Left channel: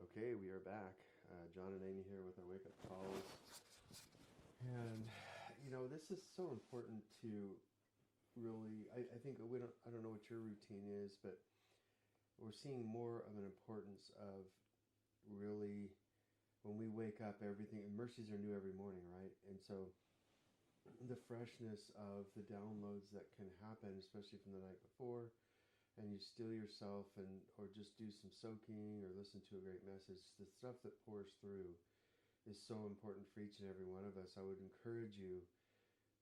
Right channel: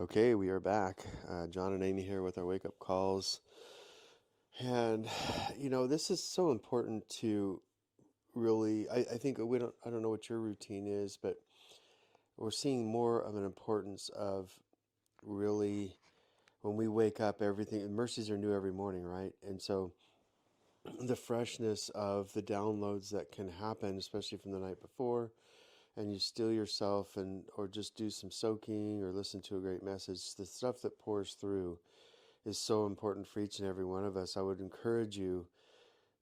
Okay, we are back. John and Amy here with our wake up calls. And, this is so important to really, I think I don't know what your routine is, but we're seeing more of an importance of really when we wake up, everything, mercies are new every morning, right? And so the freshness of the downloads that can happen, especially from the night before, and you still yourself or just do some soaking or listen to a great message, the stuff that pours through is so important for each and every one of us. I would encourage you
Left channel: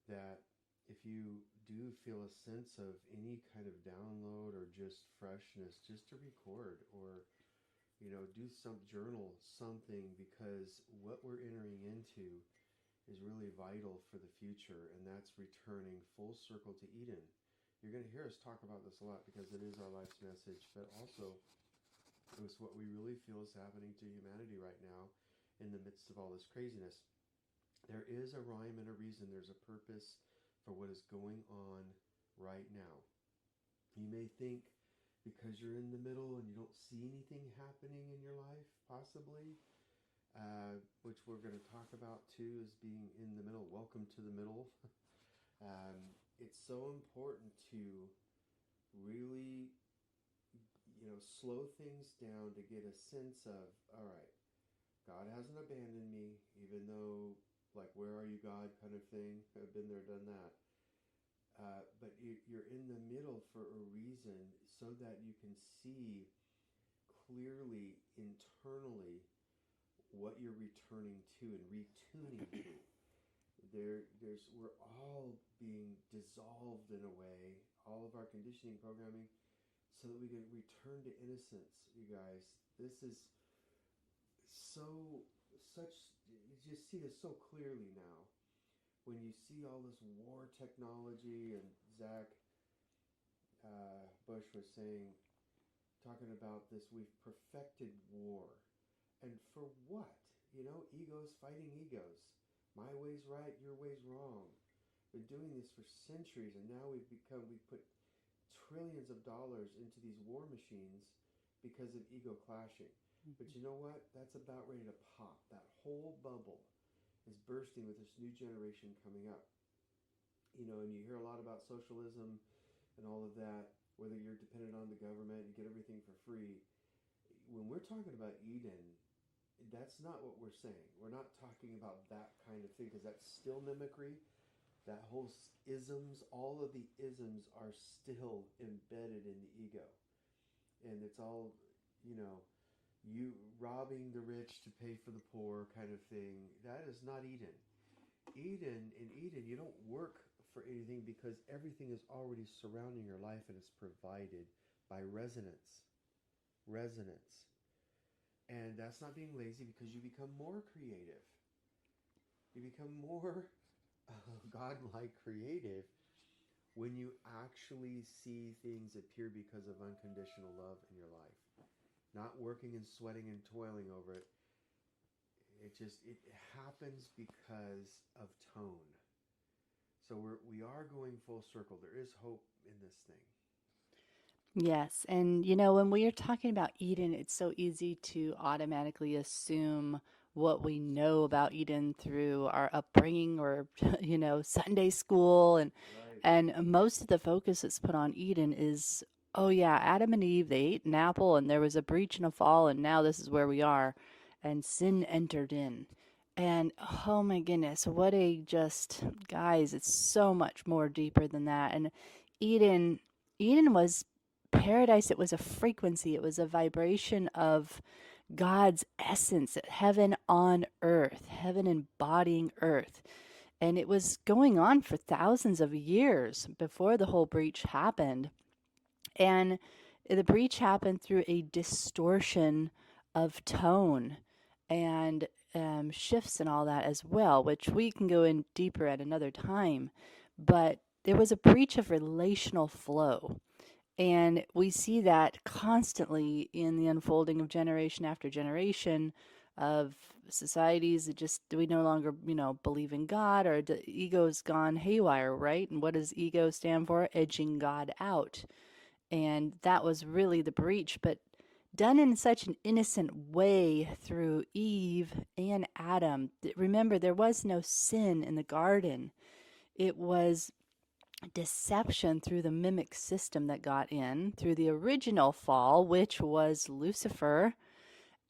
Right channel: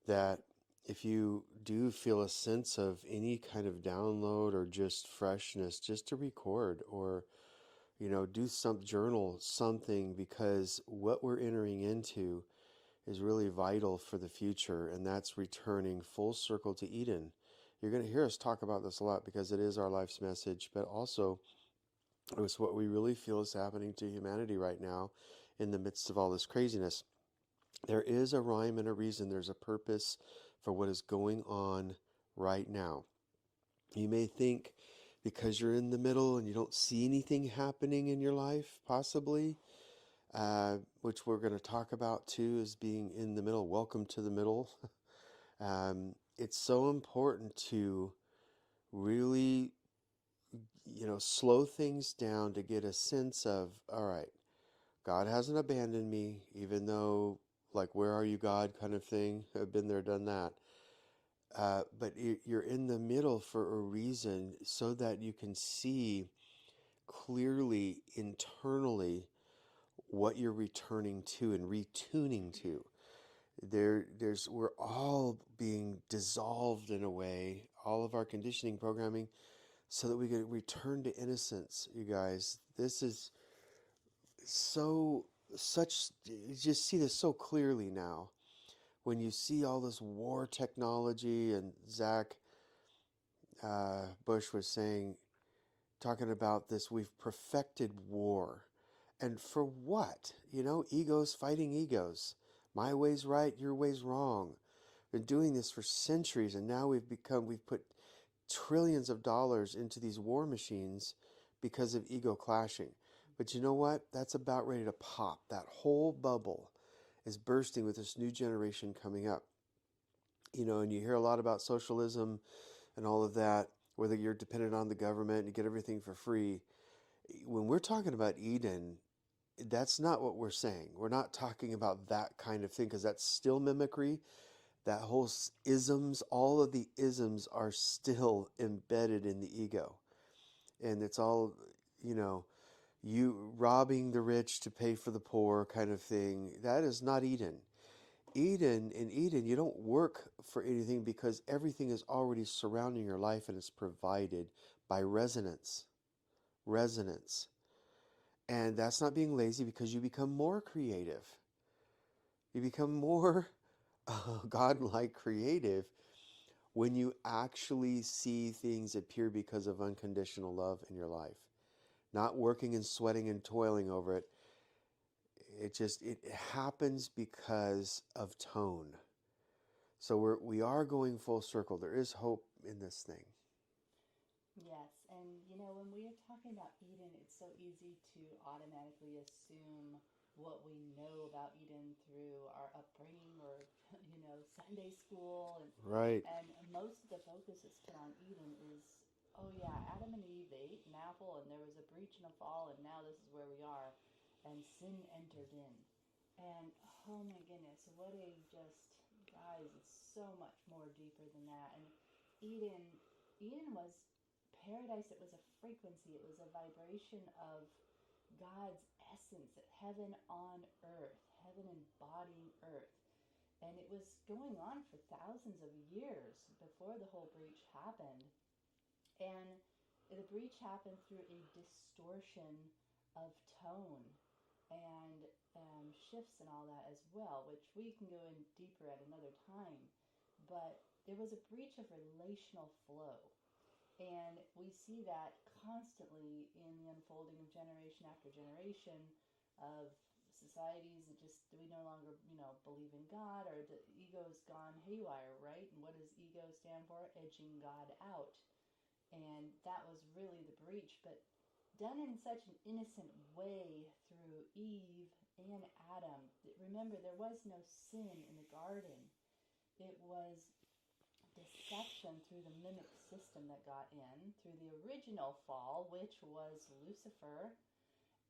that if you do feel a sense of any kind of download or just freshness, just to record or do some journal something, because what we're entering into is really vital for the future, and that's returning full circle to Eden. You're going to hear us talk about this a lot because it is our life's message, but also it's what we really feel is happening to humanity right now in the midst of all this craziness. There is a rhyme and a reason, there's a purpose for what is going on right now. You may think because you're in the middle and you don't see anything happening in your life, possibly, which we're going to talk about too, is being in the middle. Welcome to the middle. It's so important to really, slow things down to get a sense of, all right, God hasn't abandoned me, even though, like, where are you, God, kind of thing. I've been there, done that. But you're in the middle for a reason so that you can see clearly internally what you're returning to and retuning to. We're all being dissolved in a way, all of our conditioning programming, so that we can return to innocence, you guys. This is so, such, you just see this so clearly now. When you see all this war technology, and Zach Bush was saying, talking about this, we've perfected war. And for what? Egos fighting egos. My way's right, your way's wrong. Been doing this for centuries, and now we've put trillions of dollars into these war machines because of ego clashing. But you know what? That's about ready to pop. That whole bubble is bursting with this new generation coming up. And you hear a lot about socialism and all of that, whether you're dependent on the government and you get everything for free. When we're talking about Eden, that's not what we're saying. We're not talking about that kind of thing, because that's still mimicry. That whole isms, all of the isms are still embedded in the ego. And it's all, you know, you robbing the rich to pay for the poor kind of thing. That is not Eden. In Eden, you don't work for anything because everything is already surrounding your life and it's provided by resonance. Resonance. And that's not being lazy, because you become more creative. You become more godlike creative when you actually see things appear because of unconditional love in your life. Not working and sweating and toiling over it. It happens because of tone. So we are going full circle. There is hope in this thing. Yes. And, when we are talking about Eden, it's so easy to automatically assume what we know about Eden through our upbringing or, Sunday school. Right. And most of the focus that's put on Eden is, oh, yeah, Adam and Eve, they ate an apple and there was a breach and a fall, and now this is where we are. And sin entered in. And oh my goodness, what a just, guys, it's so much more deeper than that. And Eden, Eden was paradise. It was a frequency, it was a vibration of God's essence, heaven on earth, heaven embodying earth. And it was going on for thousands of years before the whole breach happened. And the breach happened through a distortion of tone and shifts and all that as well, which we can go in deeper at another time. But there was a breach of relational flow. And we see that constantly in the unfolding of generation after generation of societies that just we no longer, believe in God, or the ego's gone haywire, right? And what does ego stand for? Edging God out. And that was really the breach. But done in such an innocent way through Eve and Adam. Remember, there was no sin in the garden. It was deception through the mimic system that got in, through the original fall, which was Lucifer.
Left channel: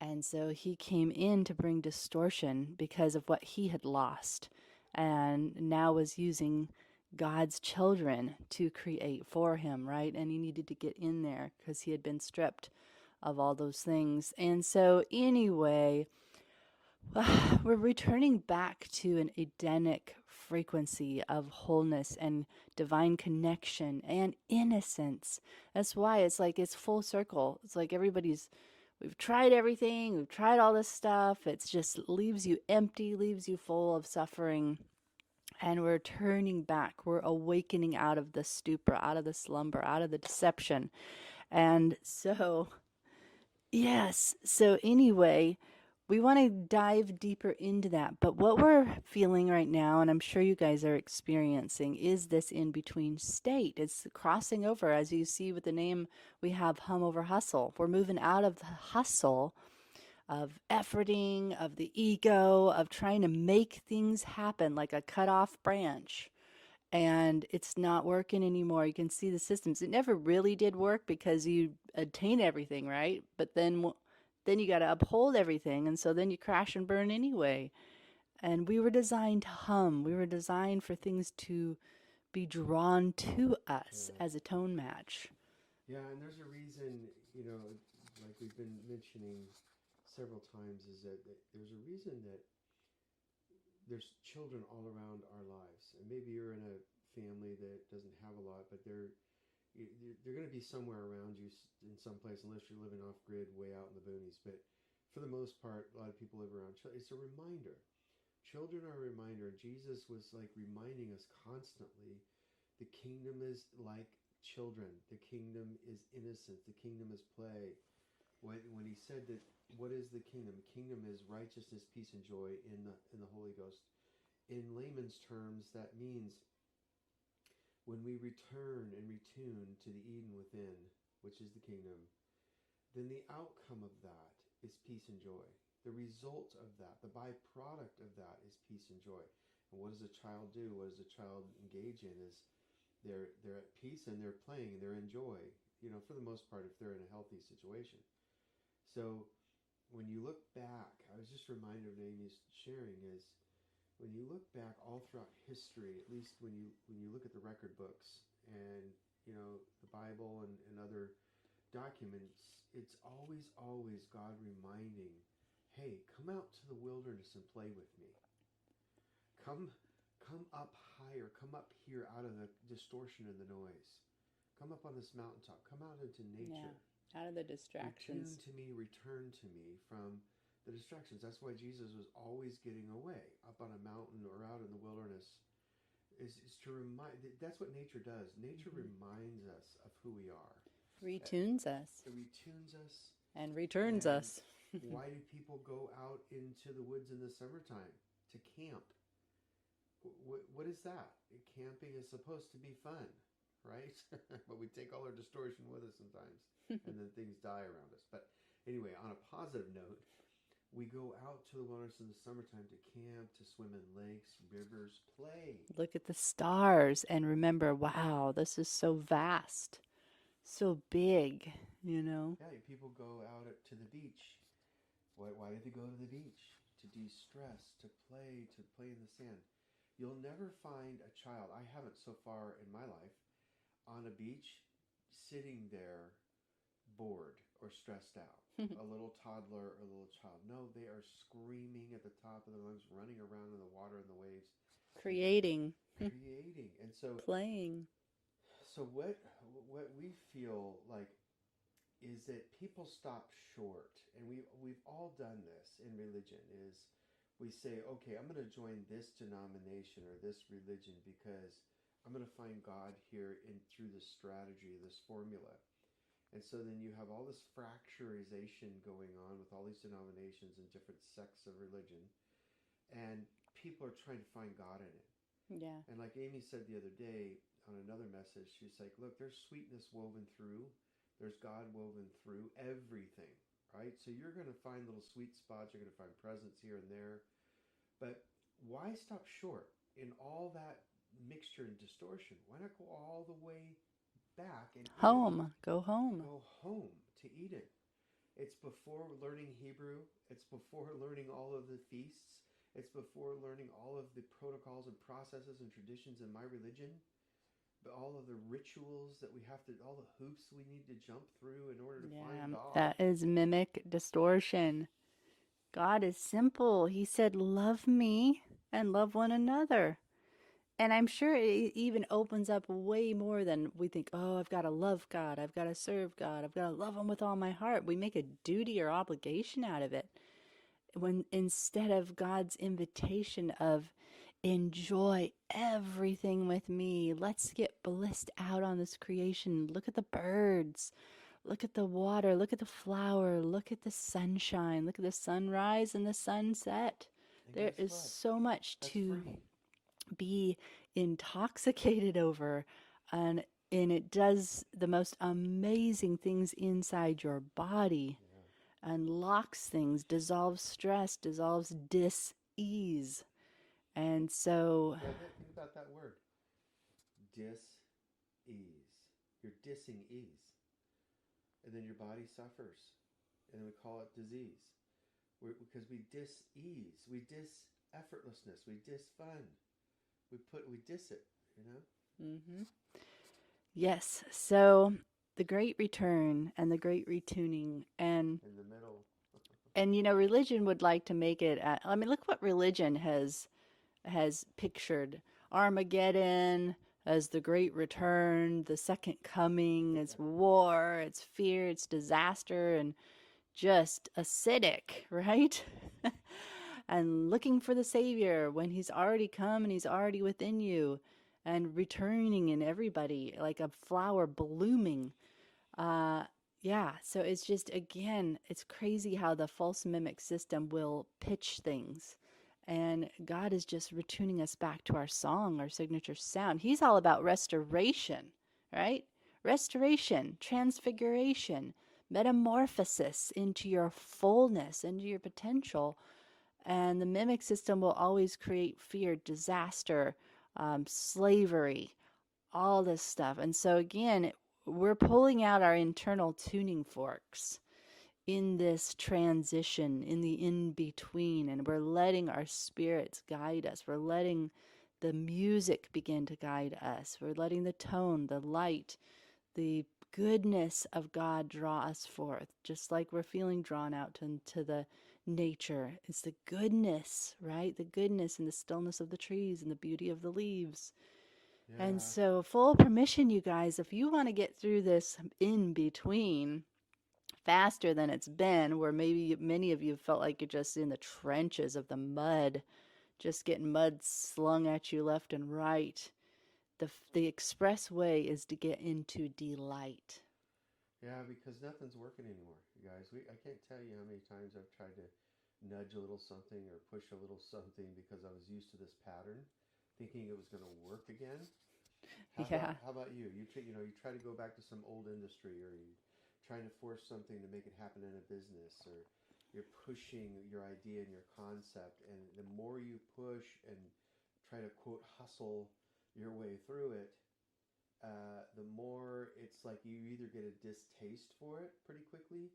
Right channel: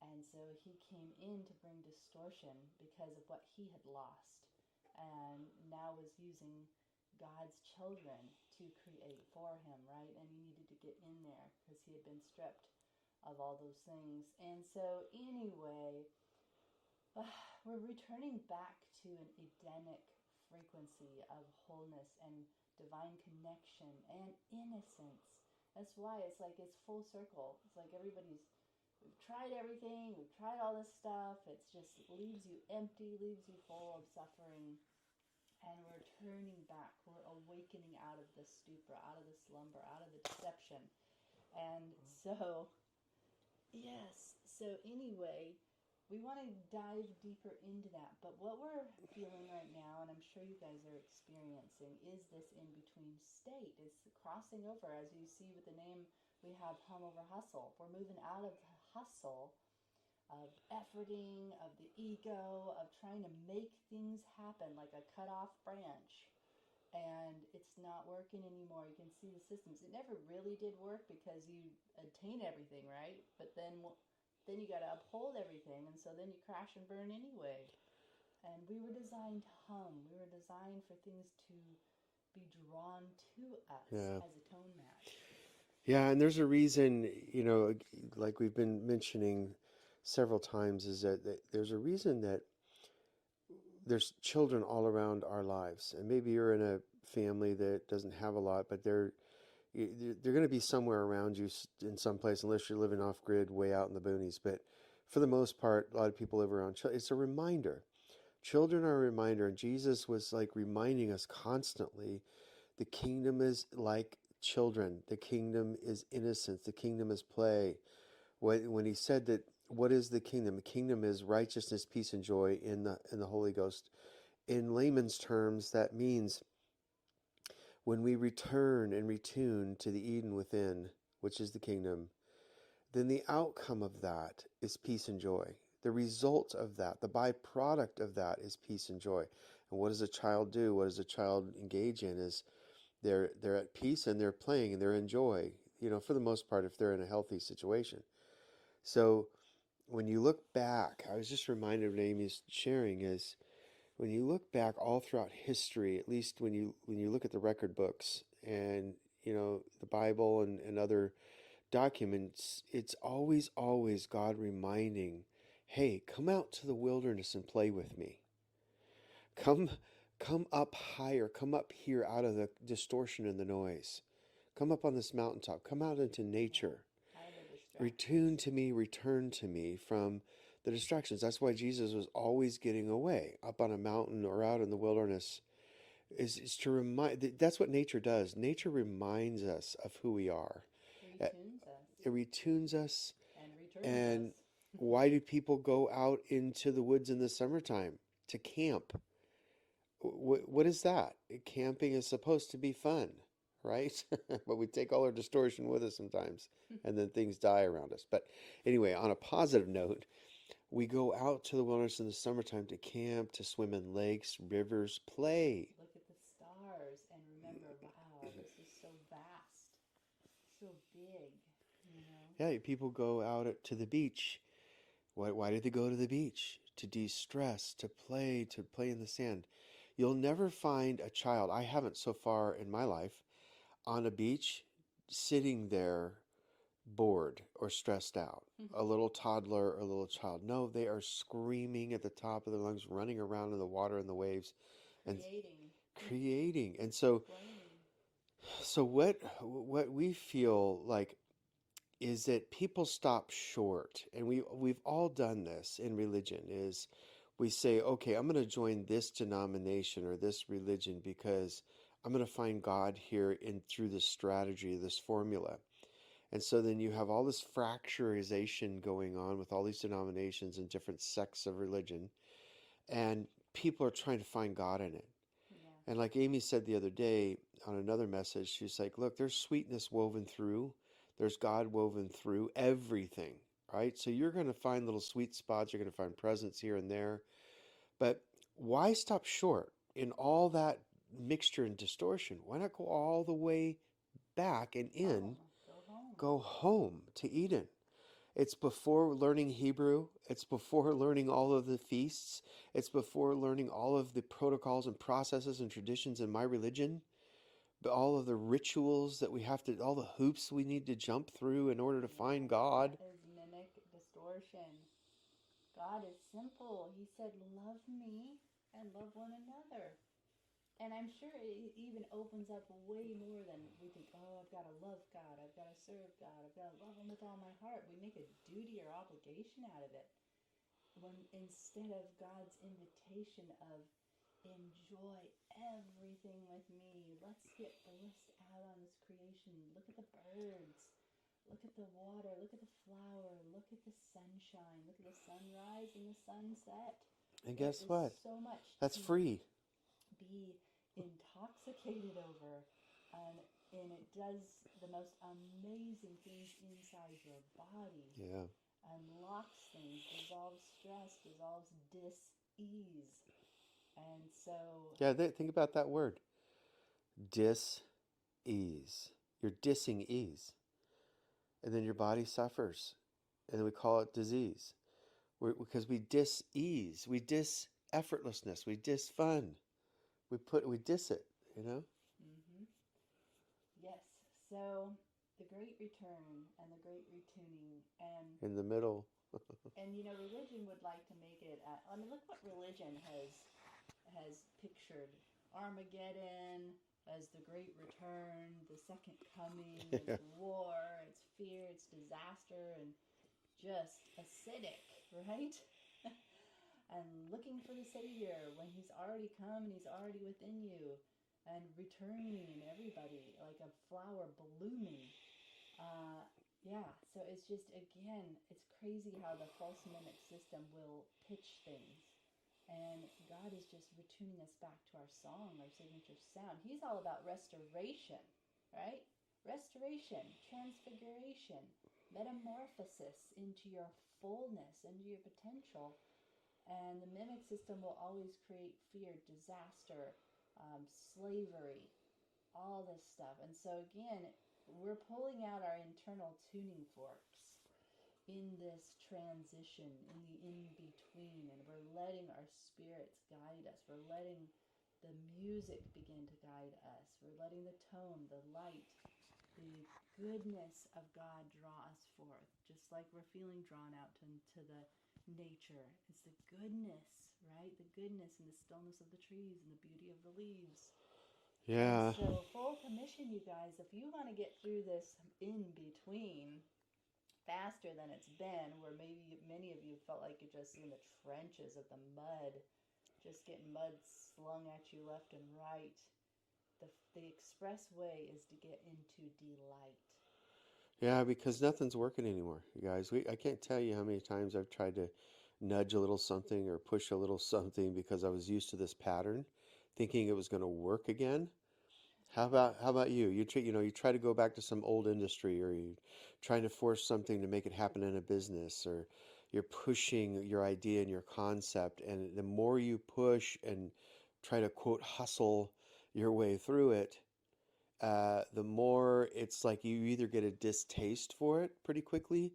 And so he came in to bring distortion because of what he had lost, and now was using God's children to create for him, right? And he needed to get in there because he had been stripped of all those things. And so, anyway, we're returning back to an Edenic frequency of wholeness and divine connection and innocence. That's why it's like it's full circle. It's like we've tried everything, we've tried all this stuff. It's just leaves you empty, leaves you full of suffering. And we're turning back. We're awakening out of the stupor, out of the slumber, out of the deception. And so, yes. So, anyway, we want to dive deeper into that. But what we're feeling right now, and I'm sure you guys are experiencing, is this in between state. It's crossing over. As you see with the name, we have hum over hustle. We're moving out of the hustle of efforting, of the ego, of trying to make things happen like a cut off branch. And it's not working anymore. You can see the systems. It never really did work because you attain everything, right? But then you got to uphold everything, and so then you crash and burn anyway. And we were designed to hum. We were designed for things to be drawn to us Yeah. as a tone match. Yeah, and there's a reason, like we've been mentioning several times, is that there's a reason that there's children all around our lives. And maybe you're in a family that doesn't have a lot, but they're going to be somewhere around you in some place, unless you're living off grid way out in the boonies. But for the most part, a lot of people live around children. It's a reminder. Children are a reminder. And Jesus was like reminding us constantly, the kingdom is like children. The kingdom is innocence. The kingdom is play. When he said that, what is the kingdom? The kingdom is righteousness, peace, and joy in the Holy Ghost. In layman's terms, that means when we return and retune to the Eden within, which is the kingdom, then the outcome of that is peace and joy. The result of that, the byproduct of that, is peace and joy. And what does a child do? What does a child engage in? Is they're at peace and they're playing and they're in joy, for the most part, if they're in a healthy situation. So when you look back, I was just reminded of what Amy's sharing, is when you look back all throughout history, at least when you look at the record books and the Bible and other documents, it's always God reminding, hey, come out to the wilderness and play with me. Come come up higher, come up here out of the distortion and the noise. Come up on this mountaintop, come out into nature. Yeah, out of the Retune distractions. to me, return to me from the distractions. That's why Jesus was always getting away up on a mountain or out in the wilderness, is to remind. That's what nature does. Nature reminds us of who we are. Retunes us It retunes us. and returns And us. why do people go out into the woods in the summertime? To camp. What is that? Camping is supposed to be fun, right? But we take all our distortion with us sometimes, and then things die around us. But anyway, on a positive note, we go out to the wilderness in the summertime to camp, to swim in lakes, rivers, play. Look at the stars and remember, wow, this is so vast, so big, you know? Yeah, people go out to the beach. Why did they go to the beach? To de-stress, to play in the sand. You'll never find a child, I haven't so far in my life, on a beach sitting there bored or stressed out. A little toddler or a little child. No, they are screaming at the top of their lungs, running around in the water and the waves and Creating, creating. And so playing. what we feel like is that people stop short, and we've all done this in religion, is we say, okay, I'm going to join this denomination or this religion because I'm going to find God here in through this strategy, this formula. And so then you have all this fracturization going on with all these denominations and different sects of religion, and people are trying to find God in it. Yeah. And like Amy said the other day on another message, she's like, look, there's sweetness woven through. There's God woven through everything, right? So you're going to find little sweet spots. You're going to find presence here and there. But why stop short in all that mixture and distortion? Why not go all the way back and in? Home. Go home. Go home to Eden. It's before learning Hebrew. It's before learning all of the feasts. It's before learning all of the protocols and processes and traditions in my religion. But all of the rituals that we have to, all the hoops we need to jump through in order to find Yeah, God. that is mimic distortion. God is simple. He said, love me and love one another. And I'm sure it even opens up way more than we think, oh, I've got to love God. I've got to serve God. I've got to love Him with all my heart. We make a duty or obligation out of it. When instead of God's invitation of enjoy everything with me, let's get blissed out on this creation. Look at the birds. Look at the water. Look at the flower. Look at the sunshine. Look at the sunrise and the sunset. And There guess is what? so much That's to free. be intoxicated over, and it does the most amazing things inside your body, Yeah. unlocks things, dissolves stress, dissolves dis-ease. And so, Yeah, think about that word. Dis-ease. You're dissing ease. And then your body suffers. And then we call it disease. Because we dis-ease. We dis-effortlessness. We dis-fun. We diss it, you know? mhm. Yes, so the great return and the great retuning, In the middle. and religion would like to make it I mean, look what religion has pictured Armageddon as the great return, the second coming. It's Yeah. war, it's fear, it's disaster, and just acidic, right? And looking for the Savior when He's already come and He's already within you, and returning in everybody like a flower blooming. Uh, yeah, so it's just, again, it's crazy how the false mimic system will pitch things. And God is just retuning us back to our song, our signature sound. He's all about restoration, right? Restoration, transfiguration, metamorphosis into your fullness, into your potential. And the mimic system will always create fear, disaster, slavery, all this stuff. And so, again, we're pulling out our internal tuning forks in this transition, in the in between, and we're letting our spirits guide us. We're letting the music begin to guide us. We're letting the tone, the light, the goodness of God draw us forth, just like we're feeling drawn out to the nature. It's the goodness, right? The goodness and the stillness of the trees and the beauty of the leaves. And Yeah. so, full permission, you guys, if you want to get through this in between faster than it's been, where maybe many of you felt like you're just in the trenches of the mud, just getting mud slung at you left and right, the express way is to get into delight. Yeah, because nothing's working anymore, you guys. I can't tell you how many times I've tried to nudge a little something or push a little something because I was used to this pattern, thinking it was going to work again. Yeah. How about you? You try to go back to some old industry, or you trying to force something to make it happen in a business, or you're pushing your idea and your concept, and the more you push and try to quote hustle your way through it, the more it's like you either get a distaste for it pretty quickly,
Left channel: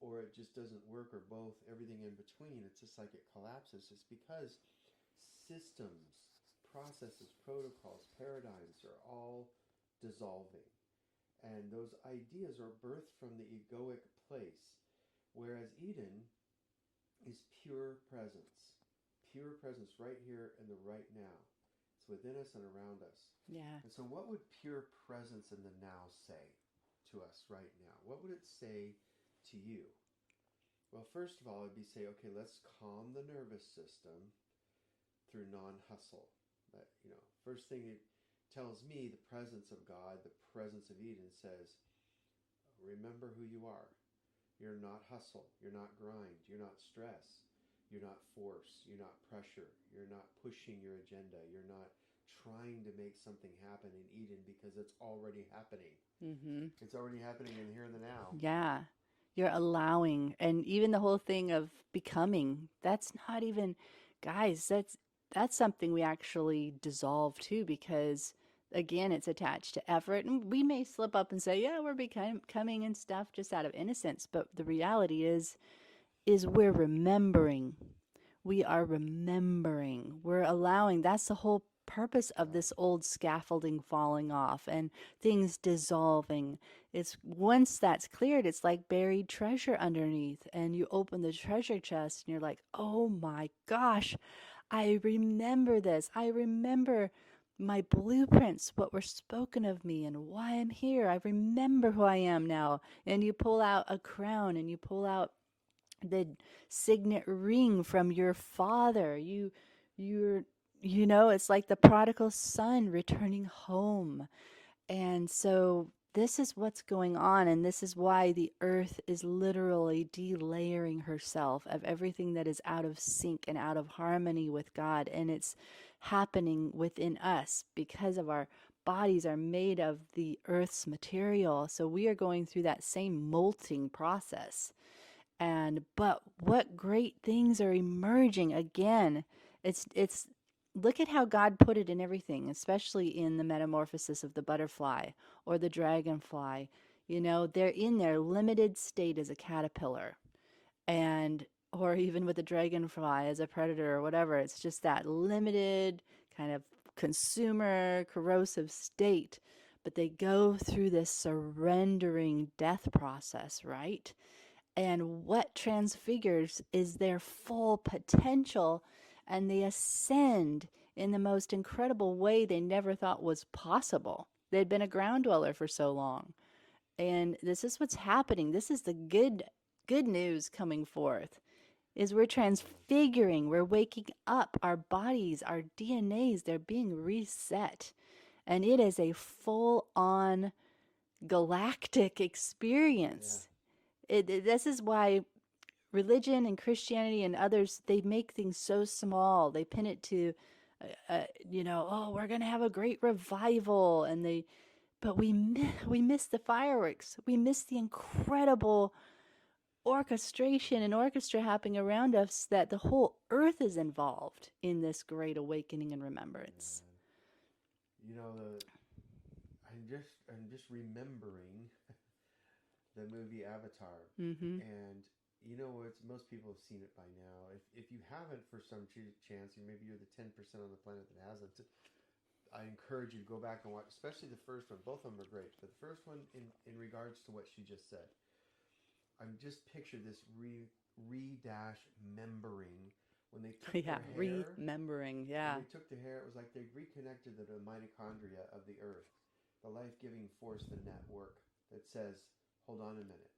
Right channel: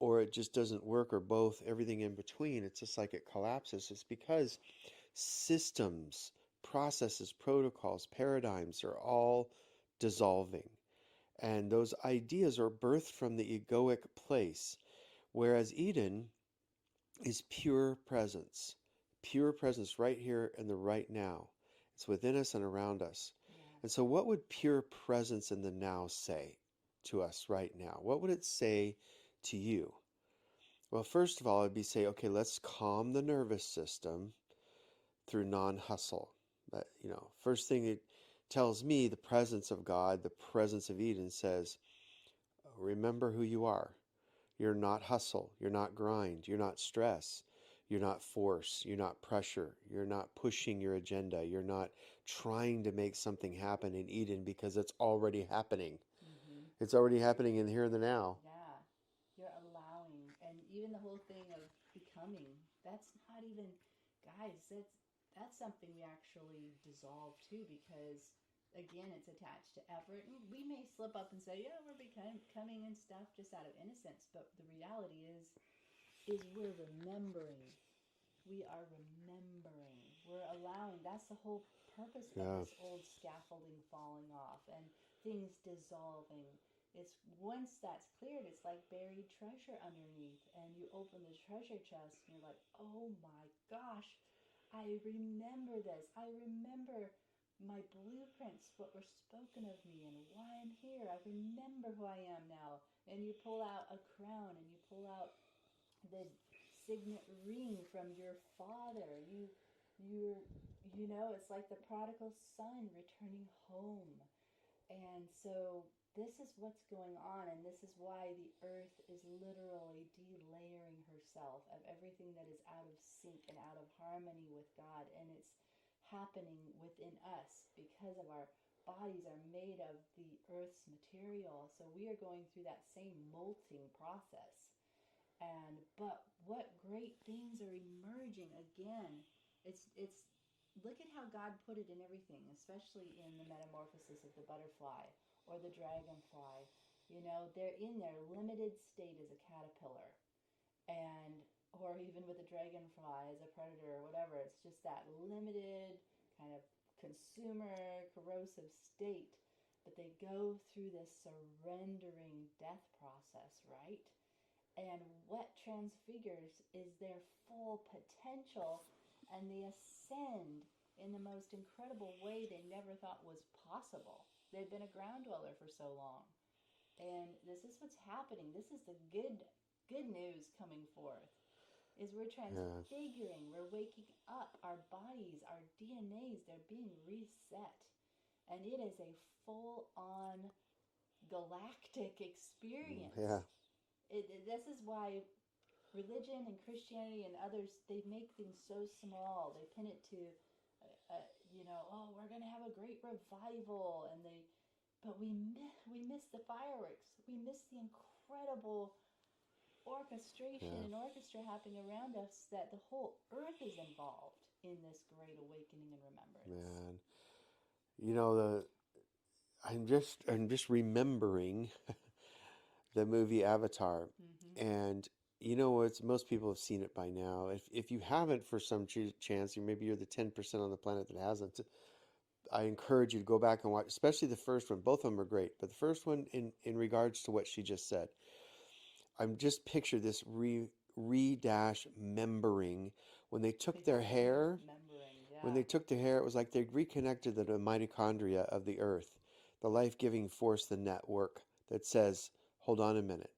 or it just doesn't work, or both, everything in between. It's just like it collapses. It's because systems, processes, protocols, paradigms are all dissolving. And those ideas are birthed from the egoic place, whereas Eden is pure presence right here and the right now. It's within us and around us. Yeah. And so, what would pure presence in the now say to us right now? What would it say to you? Well, first of all, it'd be say, okay, let's calm the nervous system through non-hustle. But, first thing it tells me, the presence of God, the presence of Eden says, remember who you are. You're not hustle. You're not grind. You're not stress. You're not force. You're not pressure. You're not pushing your agenda. You're not trying to make something happen in Eden because it's already happening. Mm-hmm. It's already happening in here and the now. Yeah. You're allowing, and even the whole thing of becoming, that's not even, guys, that's something we actually dissolve too, because again, it's attached to effort. And we may slip up and say, yeah, we're becoming and stuff just out of innocence, but the reality is we're remembering. We are remembering. We're allowing. That's the whole purpose of Yeah, this old scaffolding falling off and things dissolving. It's once that's cleared, it's like buried treasure underneath. And you open the treasure chest and you're like, oh my gosh, I remember this. I remember my blueprints, what were spoken of me and why I'm here. I remember who I am now. And you pull out a crown and you pull out the signet ring from your father. You're it's like the prodigal son returning home. And so this is what's going on, and this is why the earth is literally delayering herself of everything that is out of sync and out of harmony with God. And it's happening within us because of our bodies are made of the earth's material. So we are going through that same molting process. And but what great things are emerging again. It's look at how God put it in everything, especially in the metamorphosis of the butterfly or the dragonfly. They're in their limited state as a caterpillar, and or even with the dragonfly as a predator or whatever. It's just that limited kind of consumer corrosive state, but they go through this surrendering death process, right? And what transfigures is their full potential, and they ascend in the most incredible way they never thought was possible. They'd been a ground dweller for so long. And this is what's happening. This is the good news coming forth. Is we're yeah, transfiguring, we're waking up, our bodies, our DNAs, they're being reset. And it is a full on galactic yeah, experience. This is why religion and Christianity and others, they make things so small. They pin it to, oh, we're gonna have a great revival, and but we miss the fireworks. We miss the incredible orchestration yeah. and orchestra happening around us. That the whole earth is involved in this great awakening and remembrance. Man, you know the I'm just remembering the movie Avatar, Mm-hmm. and you know what? Most people have seen it by now. If you haven't, for some chance, maybe you're the 10% on the planet that hasn't. I encourage you to go back and watch, especially the first one. Both of them are great, but the first one, in regards to what she just said, I'm just picture this re dash membering when they took Yeah, their hair. remembering. When Yeah, they took their hair, it was like they reconnected the mitochondria of the earth, the life-giving force, the network that says, hold on a minute.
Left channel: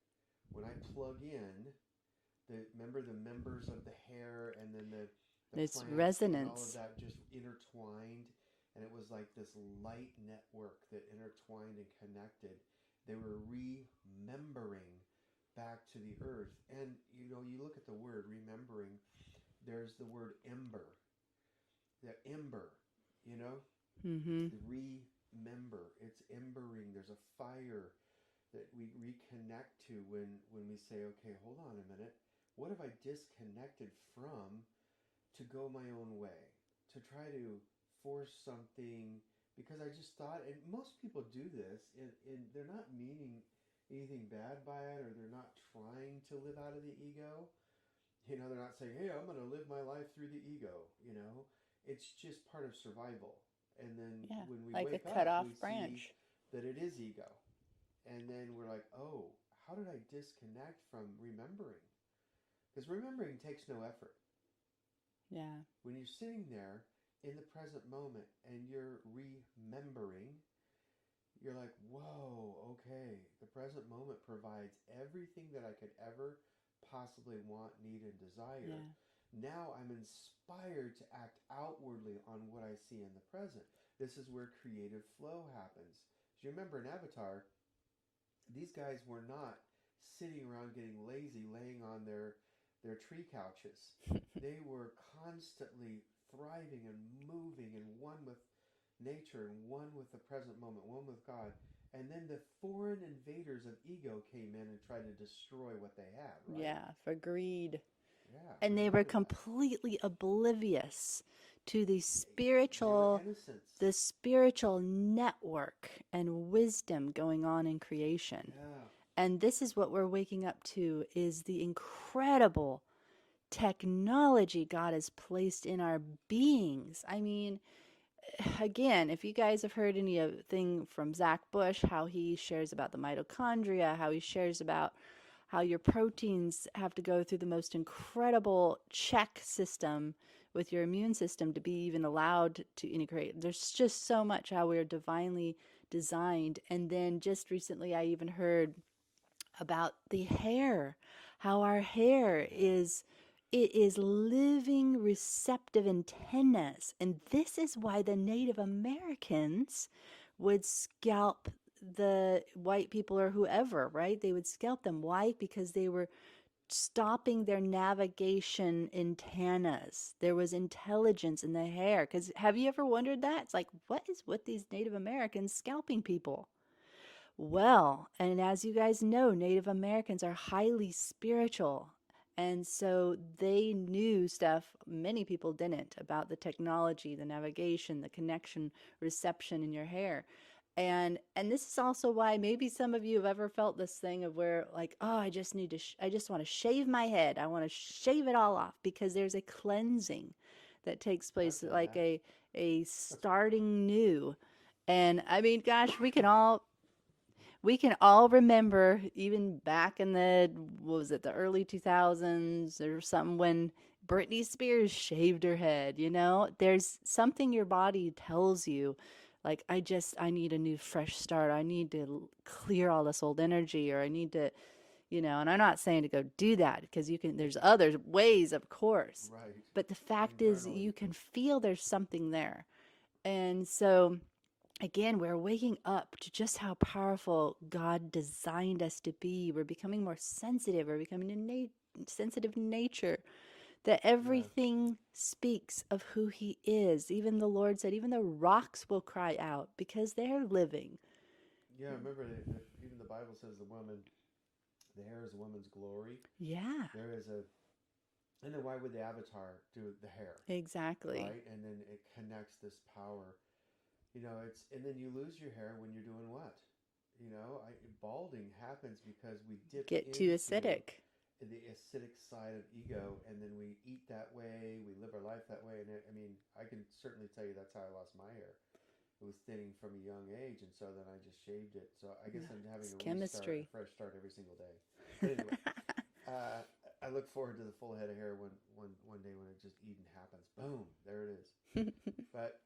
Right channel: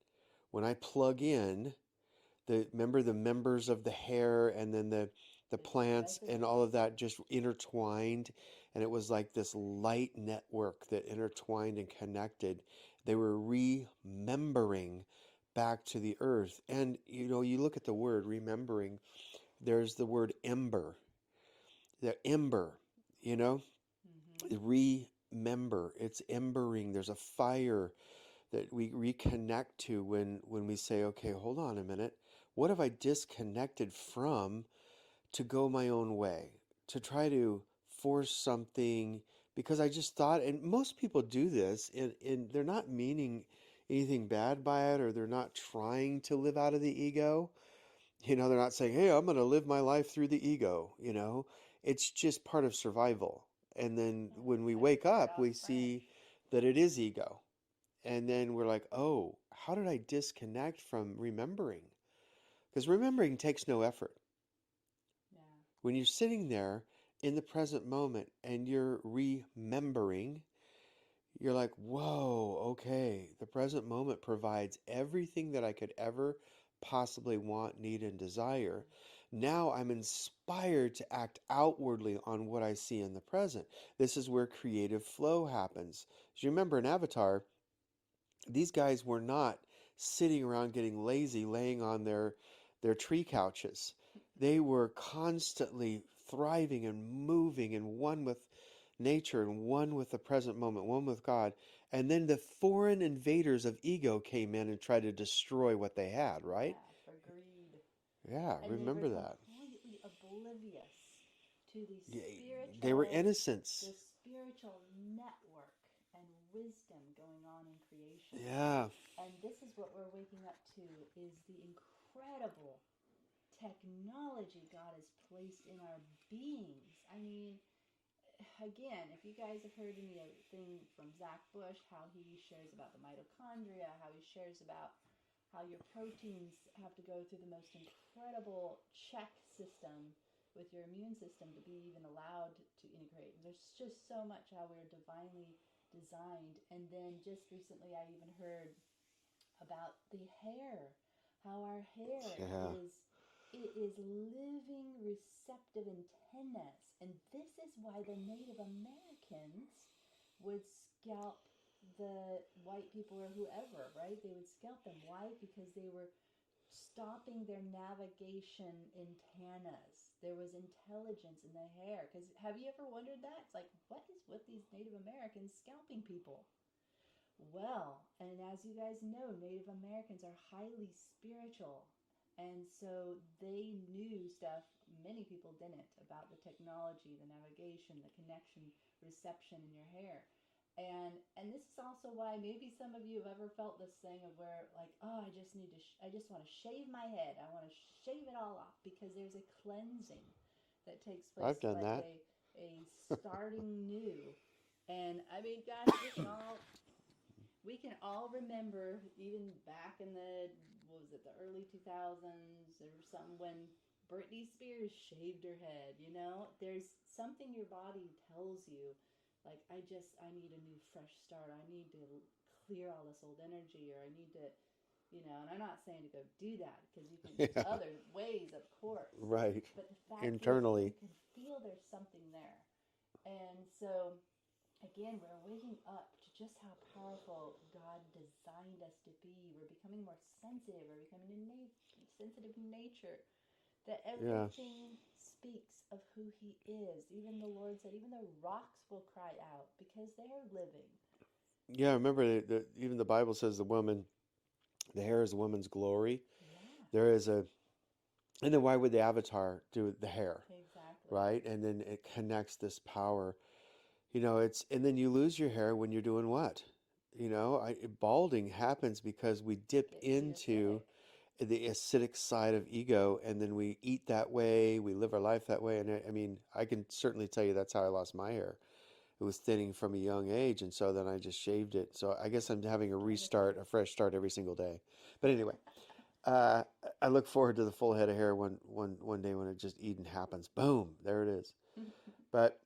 When I plug in, remember the members of the hair and then the it's plants and all of resonance. that just intertwined, and it was like this light network that intertwined and connected. They were remembering back to the earth. And you look at the word remembering, there's the word ember, the ember, you know Mm-hmm. remember, it's embering. There's a fire that we reconnect to when we say, okay, hold on a minute, what have I disconnected from to go my own way, to try to force something because I just thought. And most people do this, and they're not meaning anything bad by it, or they're not trying to live out of the ego. They're not saying, hey, I'm going to live my life through the ego. It's just part of survival. And then Yeah, when we like a wake cut up, off we see branch. that it is ego. And then we're like, oh, how did I disconnect from remembering? Because remembering takes no effort. Yeah. When you're sitting there in the present moment and you're remembering, you're like, whoa, okay, the present moment provides everything that I could ever possibly want, need, and desire. Yeah. Now I'm inspired to act outwardly on what I see in the present. This is where creative flow happens. As you remember in Avatar, these guys were not sitting around getting lazy, laying on their tree couches. They were constantly thriving and moving and one with nature and one with the present moment, one with God. And then the foreign invaders of ego came in and tried to destroy what they had, right? Yeah, for greed. Yeah, And they were remember that. completely oblivious to Yeah, they were the innocents. spiritual network and wisdom going on in creation. Yeah, And this is what we're waking up to is the incredible technology God has placed in our beings. I mean, again, if you guys have heard anything from Zach Bush, how he shares about the mitochondria, how he shares about how your proteins have to go through the most incredible check system with your immune system to be even allowed to integrate. There's just so much how we're divinely designed. And then just recently, I even heard about the hair, how our hair yeah, is it is living receptive antennas. And this is why the Native Americans would scalp the white people or whoever, right? They would scalp them. Why? Because they were stopping their navigation antennas. There was intelligence in the hair. Because have you ever wondered that? It's like, what is with these Native Americans scalping people? Well, and as you guys know, Native Americans are highly spiritual. And so they knew stuff many people didn't about the technology, the navigation, the connection, reception in your hair. And this is also why maybe some of you have ever felt this thing of where like, oh, I just want to shave my head. I want to shave it all off because there's a cleansing that takes I've place done like that. a starting new. And I mean, gosh, we can all remember even back in the what was it, the early 2000s or something, when Britney Spears shaved her head. There's something your body tells you, like, I need a new fresh start. I need to clear all this old energy, or I need to, and I'm not saying to go do that, because there's Yeah, other ways, of course, right. but the fact is you Internally. can feel there's something there. And so again, we're waking up to just how powerful God designed us to be. We're becoming more sensitive. We're becoming sensitive in nature. That Yeah. everything speaks of who He is. Even the Lord said, even the rocks will cry out because they're living. Yeah, remember even the Bible says the hair is a woman's glory. Yeah, There is a, and then why would the avatar do the hair, exactly. right? And then it connects this power. And then you lose your hair when you're doing what? Balding happens because we dip Get too into acidic. the acidic side of ego, and then we eat that way, we live our life that way. And I mean, I can certainly tell you that's how I lost my hair. It was thinning from a young age, and so then I just shaved it. So I guess I'm having It's a restart, a chemistry. fresh start every single day. But anyway, uh, I look forward to the full head of hair one day when it just Eden happens. Boom, there it is. But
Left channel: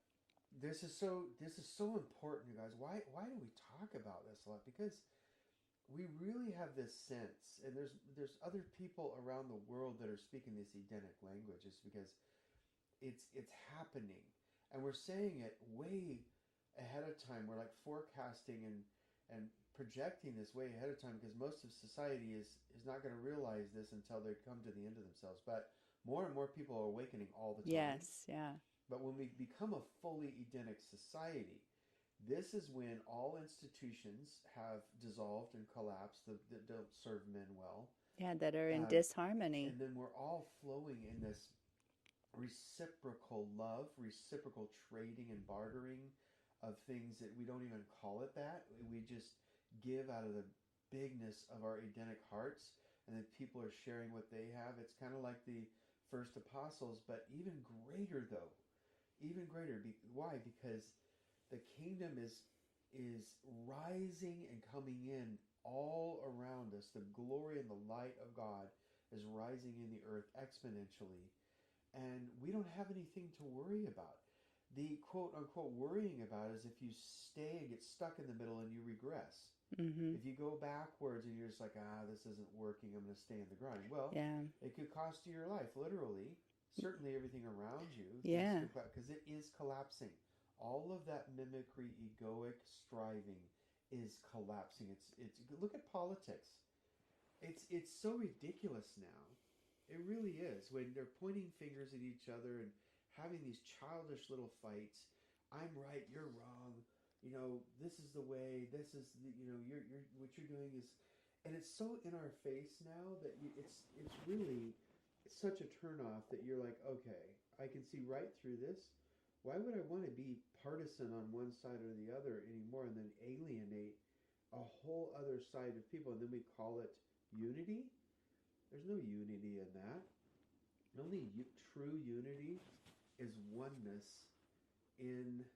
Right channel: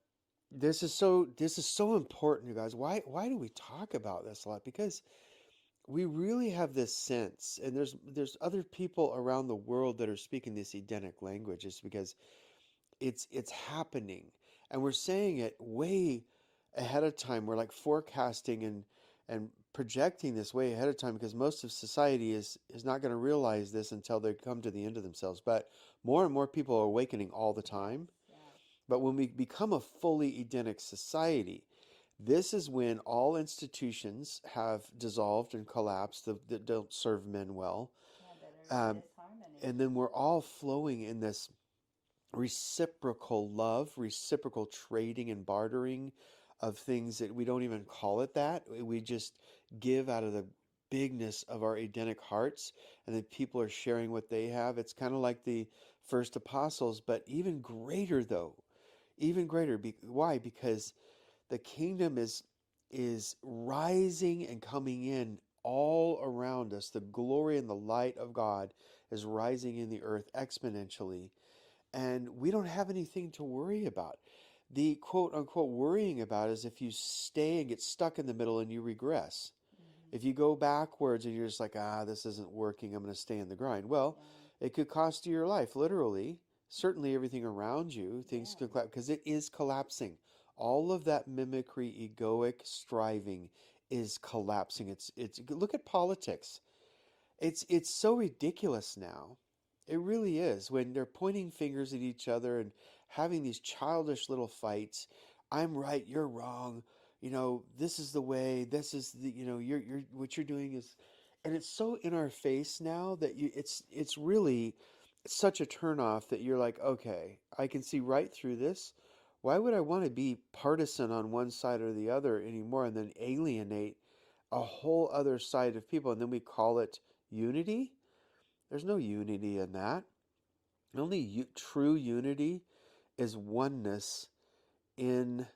this is so important, you guys. Why do we talk about this a lot? Because we really have this sense, and there's other people around the world that are speaking this Edenic language, is because it's happening, and we're saying it way ahead of time. We're like forecasting and projecting this way ahead of time, because most of society is not going to realize this until they come to the end of themselves. But more and more people are awakening all the time. Yes, yeah. But when we become a fully Edenic society, this is when all institutions have dissolved and collapsed that don't serve men well. Yeah, that are in Um, disharmony. and then we're all flowing in this reciprocal love, reciprocal trading and bartering of things that we don't even call it that. We just give out of the bigness of our Edenic hearts, and then people are sharing what they have. It's kind of like the first apostles, but even greater, though. Even greater. Why? Because the kingdom is rising and coming in all around us. The glory and the light of God is rising in the earth exponentially, and we don't have anything to worry about. The quote unquote worrying about is if you stay and get stuck in the middle and you regress. Mm-hmm. If you go backwards and you're just like, this isn't working, I'm going to stay in the grind. Well, Yeah. it could cost you your life, literally. Certainly everything around you, things Yeah. could collapse because it is collapsing. All of that mimicry, egoic striving is collapsing. It's look at politics. It's so ridiculous now. It really is when they're pointing fingers at each other and having these childish little fights. I'm right, you're wrong. This is the way. This is the you're what you're doing is, and it's so in our face now that it's really such a turnoff that you're like, okay, I can see right through this. Why would I want to be partisan on one side or the other anymore and then alienate a whole other side of people and then we call it unity? There's no unity in that. The only true unity is oneness in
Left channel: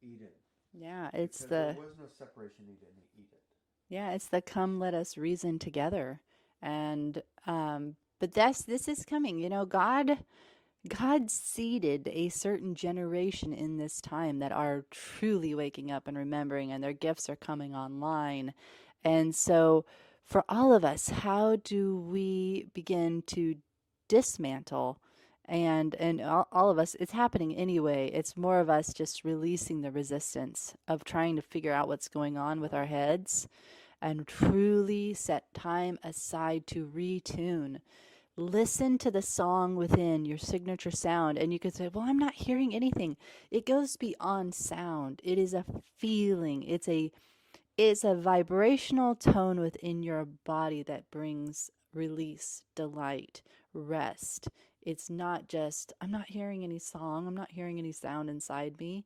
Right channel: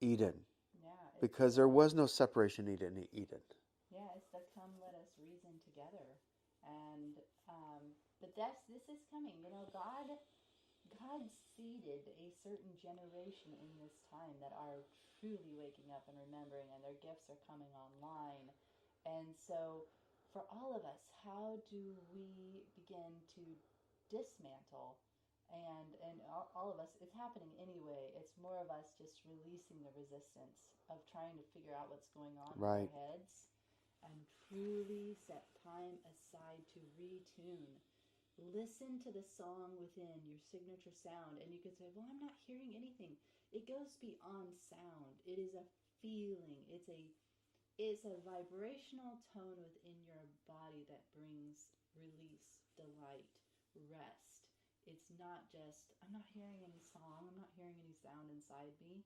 Eden, Yeah, it's because there the was no separation in Eden. yeah, it's the come let us reason together. And but this is coming. God seeded a certain generation in this time that are truly waking up and remembering, and their gifts are coming online. And so, for all of us, how do we begin to dismantle? And all of us, it's happening anyway. It's more of us just releasing the resistance of trying to figure out what's going on with our Right. heads and truly set time aside to retune. Listen to the song within your signature sound, and you could say, well, I'm not hearing anything. It goes beyond sound. It is a feeling. It's a vibrational tone within your body that brings release, delight, rest. It's not just, I'm not hearing any song, I'm not hearing any sound inside me.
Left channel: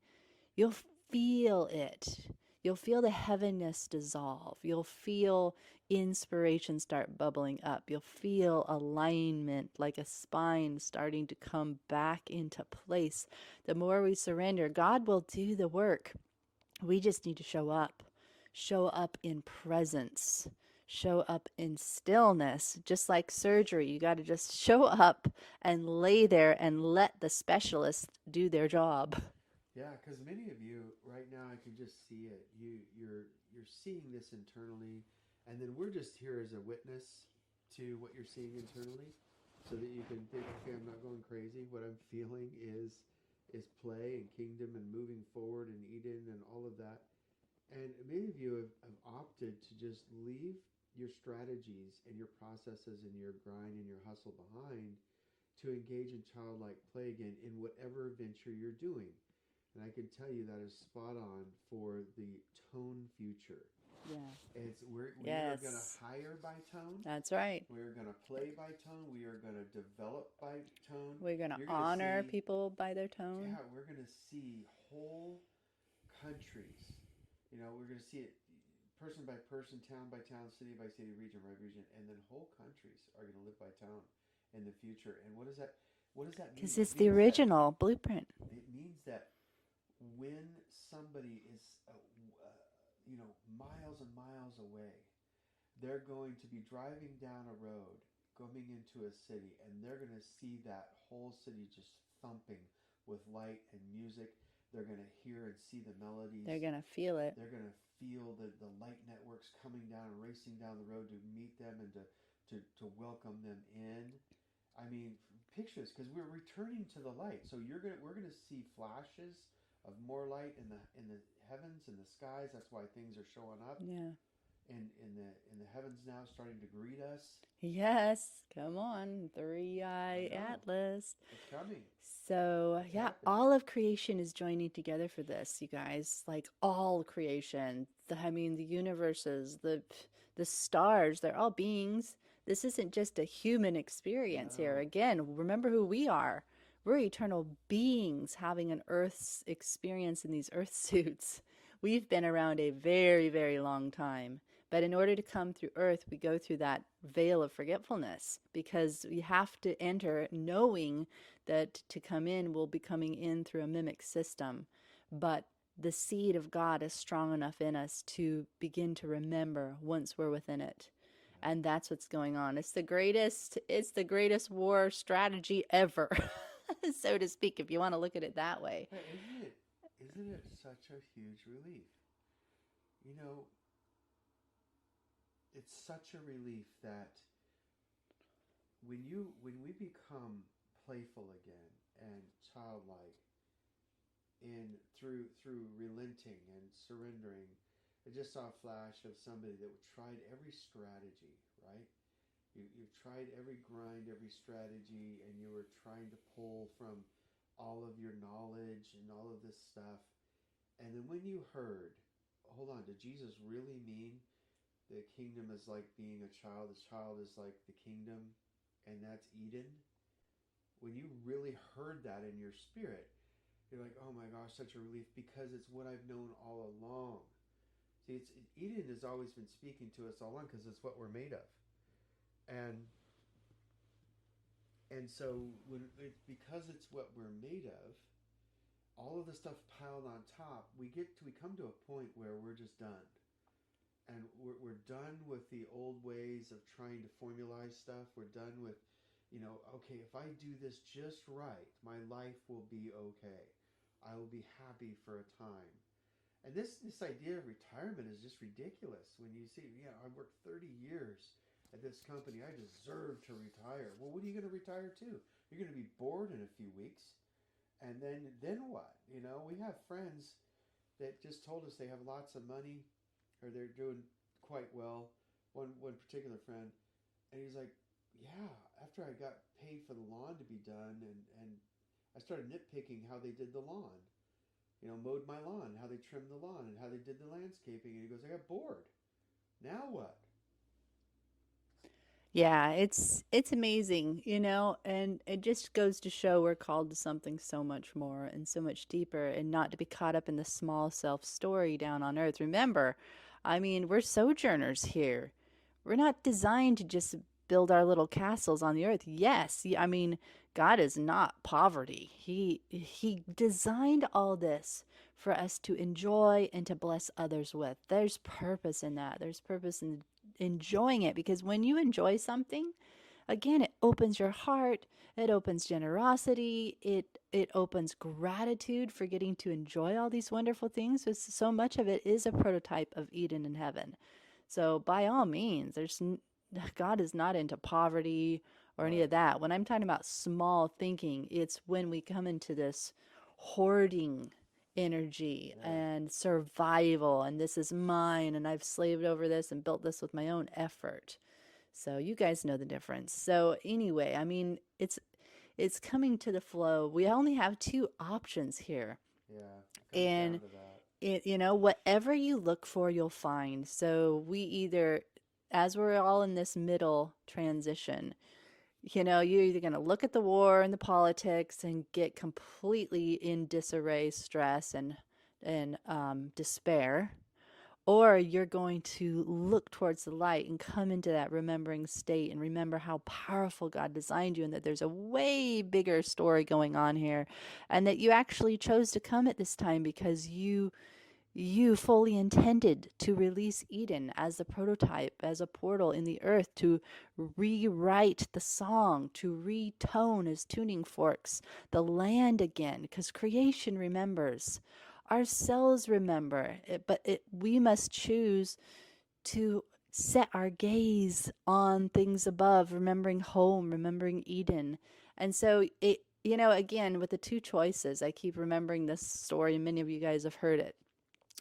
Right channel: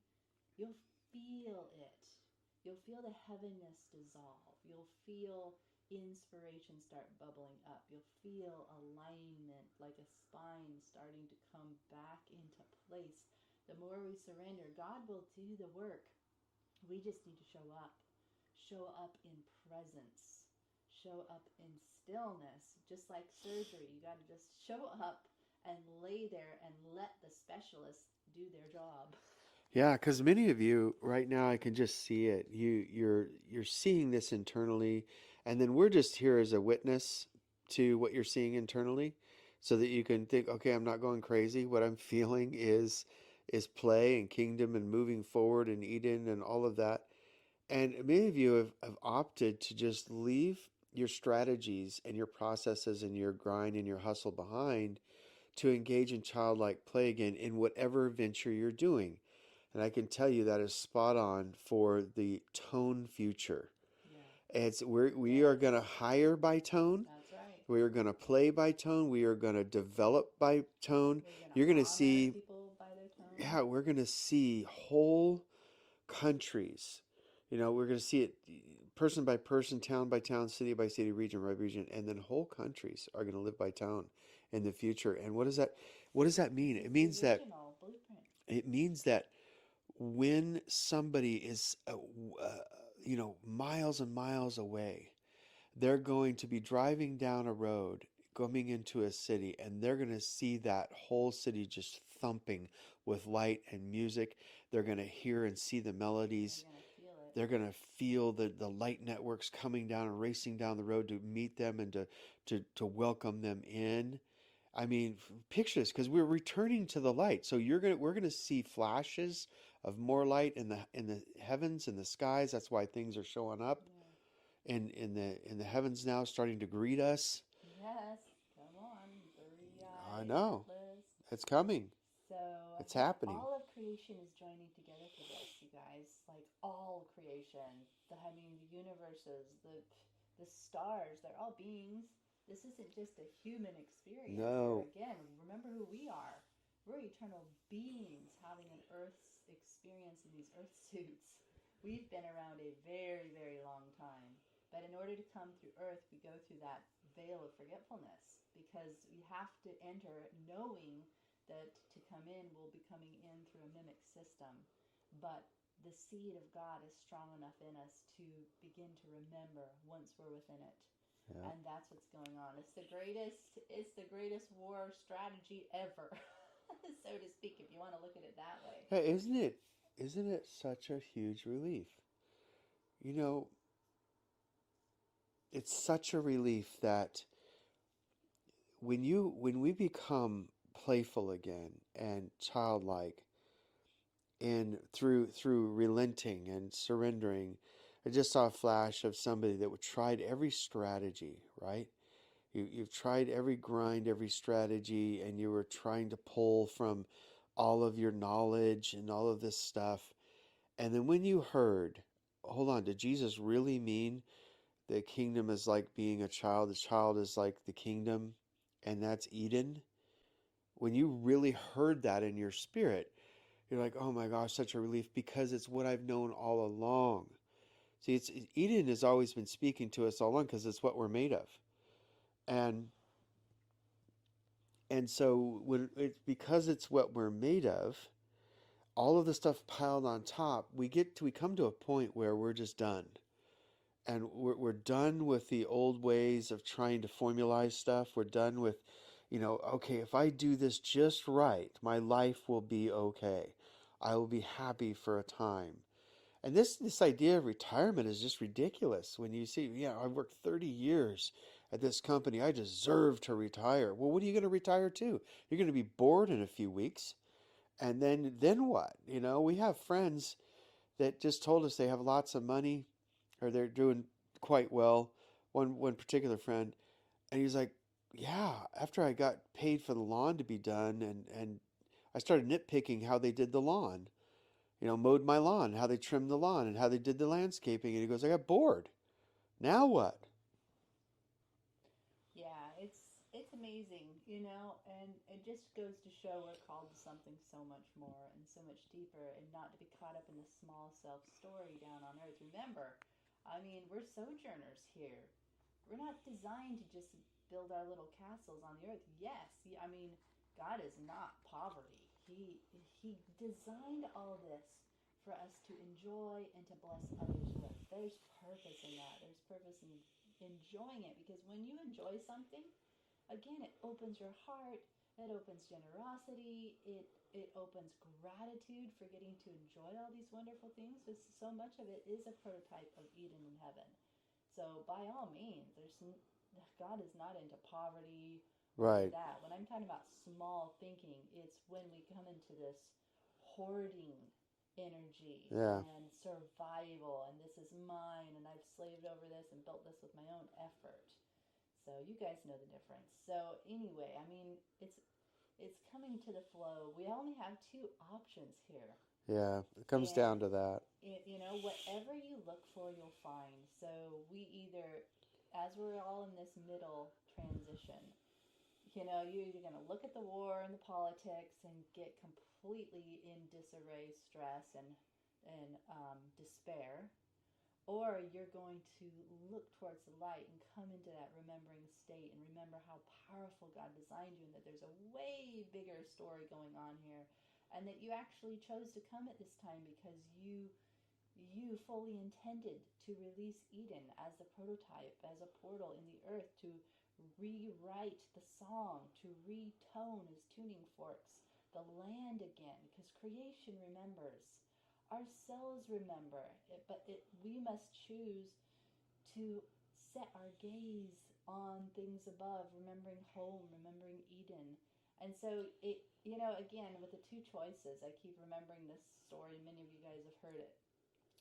You'll feel it. You'll feel the heaviness dissolve. You'll feel inspiration start bubbling up. You'll feel alignment like a spine starting to come back into place. The more we surrender, God will do the work. We just need to show up. Show up in presence. Show up in stillness. Just like surgery, you got to just show up and lay there and let the specialist do their job. Yeah, because many of you right now, I can just see it. You're seeing this internally, and then we're just here as a witness to what you're seeing internally, so that you can think, okay, I'm not going crazy. What I'm feeling is play and kingdom and moving forward and Eden and all of that. And many of you have opted to just leave your strategies and your processes and your grind and your hustle behind to engage in childlike play again in whatever venture you're doing. And I can tell you that is spot on for the tone future. Yeah. We are going to Yes. hire by tone. That's right. We are going to play by tone. We are going to develop by tone. We're going to You're going to honor see, people by their tone. yeah, we're going to see whole countries. We're going to see it person by person, town by town, city by city, region by region, and then whole countries are going to live by tone in the future. And what does that This mean? is the original blueprint. It means that when somebody is miles and miles away, they're going to be driving down a road coming into a city, and they're going to see that whole city just thumping with light and music. They're going to hear and see the They're melodies. going to feel it. They're going to feel the light networks coming down and racing down the road to meet them and to welcome them in. I mean, picture this, because we're returning to the light. So we're gonna see flashes of more light in the heavens and the skies. That's why things are showing up Yeah. in the heavens now, starting to greet us. Yes. Come on. I Three-eye know Atlas. it's coming. So, It's yeah, happening. all of creation is joining together for this, you guys. Like all creation. The universes, the stars, they're all beings. This isn't just a human experience here. No. Again, remember who we are. We're eternal beings having an Earth's experience in these Earth suits. We've been around a very, very long time. But in order to come through Earth, we go through that veil of forgetfulness because we have to enter knowing that to come in, we'll be coming in through a mimic system. But the seed of God is strong enough in us to begin to remember once we're within it. Yeah. And that's what's going on. It's the greatest war strategy ever, so to speak, if you want to look at it that way. Hey, isn't it such a huge relief? You know, it's such a relief that when we become playful again and childlike and through relenting and surrendering. I just saw a flash of somebody that tried every strategy, right? You've tried every grind, every strategy, and you were trying to pull from all of your knowledge and all of this stuff. And then when you heard, hold on, did Jesus really mean the kingdom is like being a child? The child is like the kingdom, and that's Eden? When you really heard that in your spirit, you're like, oh my gosh, such a relief because it's what I've known all along. See, Eden has always been speaking to us all along because it's what we're made of. And so when it's because it's what we're made of, all of the stuff piled on top, we come to a point where we're just done. And we're done with the old ways of trying to formalize stuff. We're done with, okay, if I do this just right, my life will be okay. I will be happy for a time. And this idea of retirement is just ridiculous. When you see, yeah, I worked 30 years at this company, I deserve to retire. Well, what are you going to retire to? You're going to be bored in a few weeks, and then what? We have friends that just told us they have lots of money, or they're doing quite well. One particular friend, and he's like, yeah, after I got paid for the lawn to be done, and I started nitpicking how they did the lawn, mowed my lawn, how they trimmed the lawn, and how they did the landscaping. And he goes, I got bored. Now what? Yeah, it's amazing, and it just goes to show we're called to something so much more and so much deeper, and not to be caught up in the small self story down on earth. Remember, I mean, we're sojourners here. We're not designed to just build our little castles on the earth. Yes, I mean, God is not poverty. He designed all this for us to enjoy and to bless others with. There's purpose in that. There's purpose in enjoying it, because when you enjoy something, again, it opens your heart, it opens generosity, it opens gratitude for getting to enjoy all these wonderful things. So much of it is a prototype of Eden in heaven. So by all means, God is not into poverty or any of Right. that. When I'm talking about small thinking, it's when we come into this hoarding energy Yeah. and survival, and this is mine, and I've slaved over this and built this with my own effort. So you guys know the difference. So anyway, I mean, it's coming to the flow. We only have two options here. Yeah. It comes down And to that. whatever you look for, you'll find. So we either, as we're all in this middle transition, you're either going to look at the war and the politics and get completely in disarray, stress, and despair, or you're going to look towards the light and come into that remembering state and remember how powerful God designed you, and that there's a way bigger story going on here, and that you actually chose to come at this time because you fully intended to release Eden as the prototype, as a portal in the earth, to rewrite the song, to retone as tuning forks the land again, because creation remembers. Ourselves remember, we must choose to set our gaze on things above, remembering home, remembering Eden. And so again, with the two choices, I keep remembering this story, and many of you guys have heard it,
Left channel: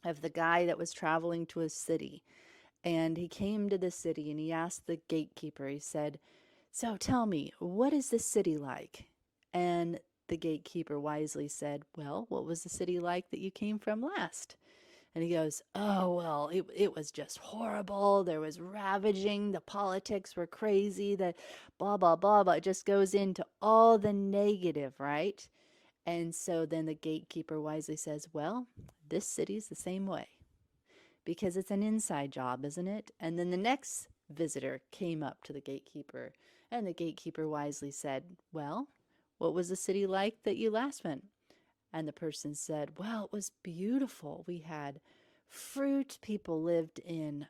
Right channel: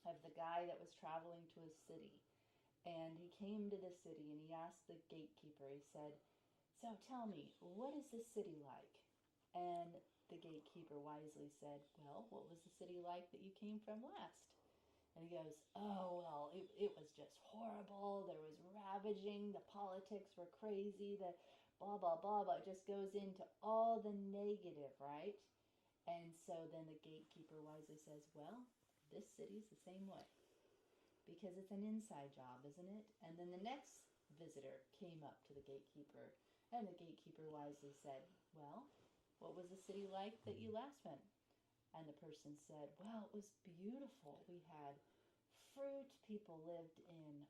of the guy that was traveling to a city. And he came to the city and he asked the gatekeeper, he said, so tell me, what is this city like? And the gatekeeper wisely said, well, what was the city like that you came from last? And he goes, oh, well, it was just horrible. There was ravaging. The politics were crazy. The blah, blah, blah, blah. It just goes into all the negative, right? And so then the gatekeeper wisely says, well, this city's the same way, because it's an inside job, isn't it? And then the next visitor came up to the gatekeeper, and the gatekeeper wisely said, well, what was the city like that you last went? And the person said, well, it was beautiful. We had fruit. People lived in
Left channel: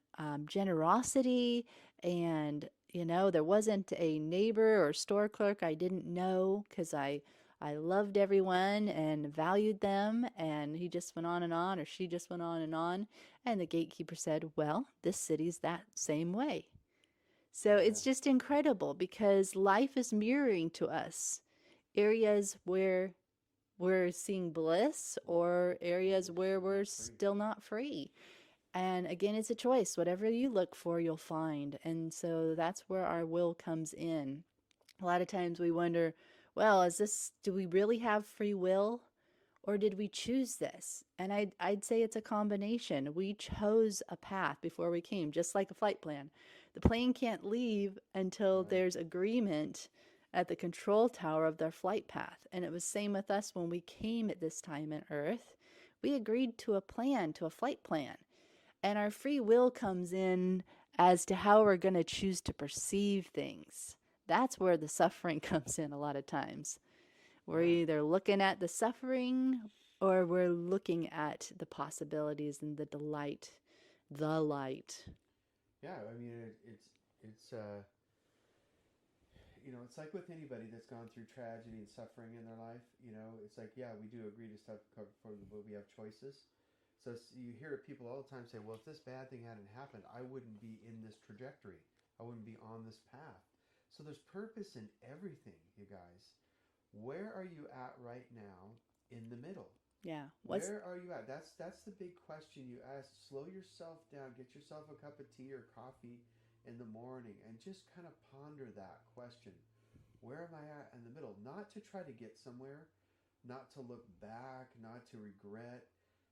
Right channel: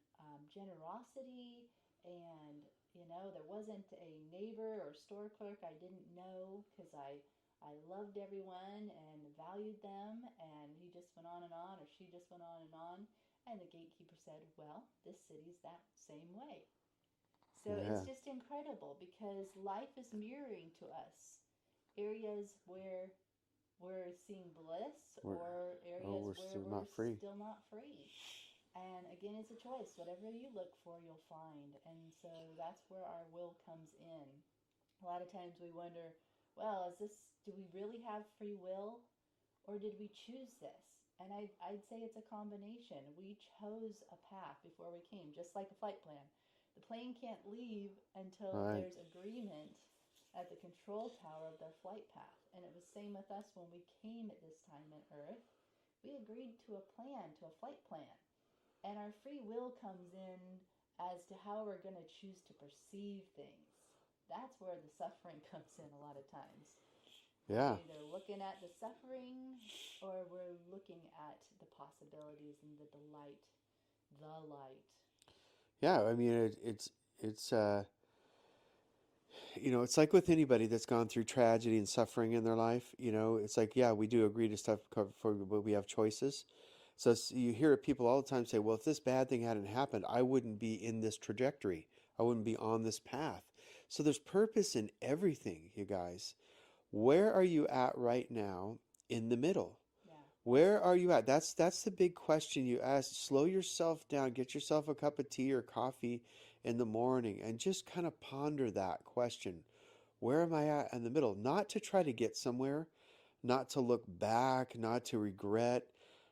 generosity. And, there wasn't a neighbor or store clerk I didn't know, because I loved everyone and valued them. And he just went on, or she just went on and on. And the gatekeeper said, well, this city's that same way. So Yeah. it's just incredible, because life is mirroring to us areas where we're seeing bliss, We're, or or areas we're where still we're not free. still not free. And again, it's a choice. Whatever you look for, you'll find. And so that's where our will comes in. A lot of times we wonder, well, do we really have free will? Or did we choose this? And I'd say it's a combination. We chose a path before we came, just like a flight plan. The plane can't leave until Right. there's agreement at the control tower of their flight path. And it was same with us when we came at this time in Earth. We agreed to a plan, to a flight plan. And our free will comes in as to how we're going to choose to perceive things. That's where the suffering comes in a lot of times. We're Yeah. either looking at the suffering or we're looking at the possibilities and the delight, the light. Yeah. I mean, it's it's like with anybody that's gone through tragedy and suffering in their life. It's like, yeah, we do agree to stuff but we have choices. So you hear people all the time say, well, if this bad thing hadn't happened, I wouldn't be in this trajectory. I wouldn't be on this path. So there's purpose in everything, you guys. Where are you at right now in the middle? Yeah. What's Where are you at? That's the big question you ask. Slow yourself down, get yourself a cup of tea or coffee in the morning and just kind of ponder that question. Where am I at in the middle? Not to try to get somewhere, not to look back, not to regret,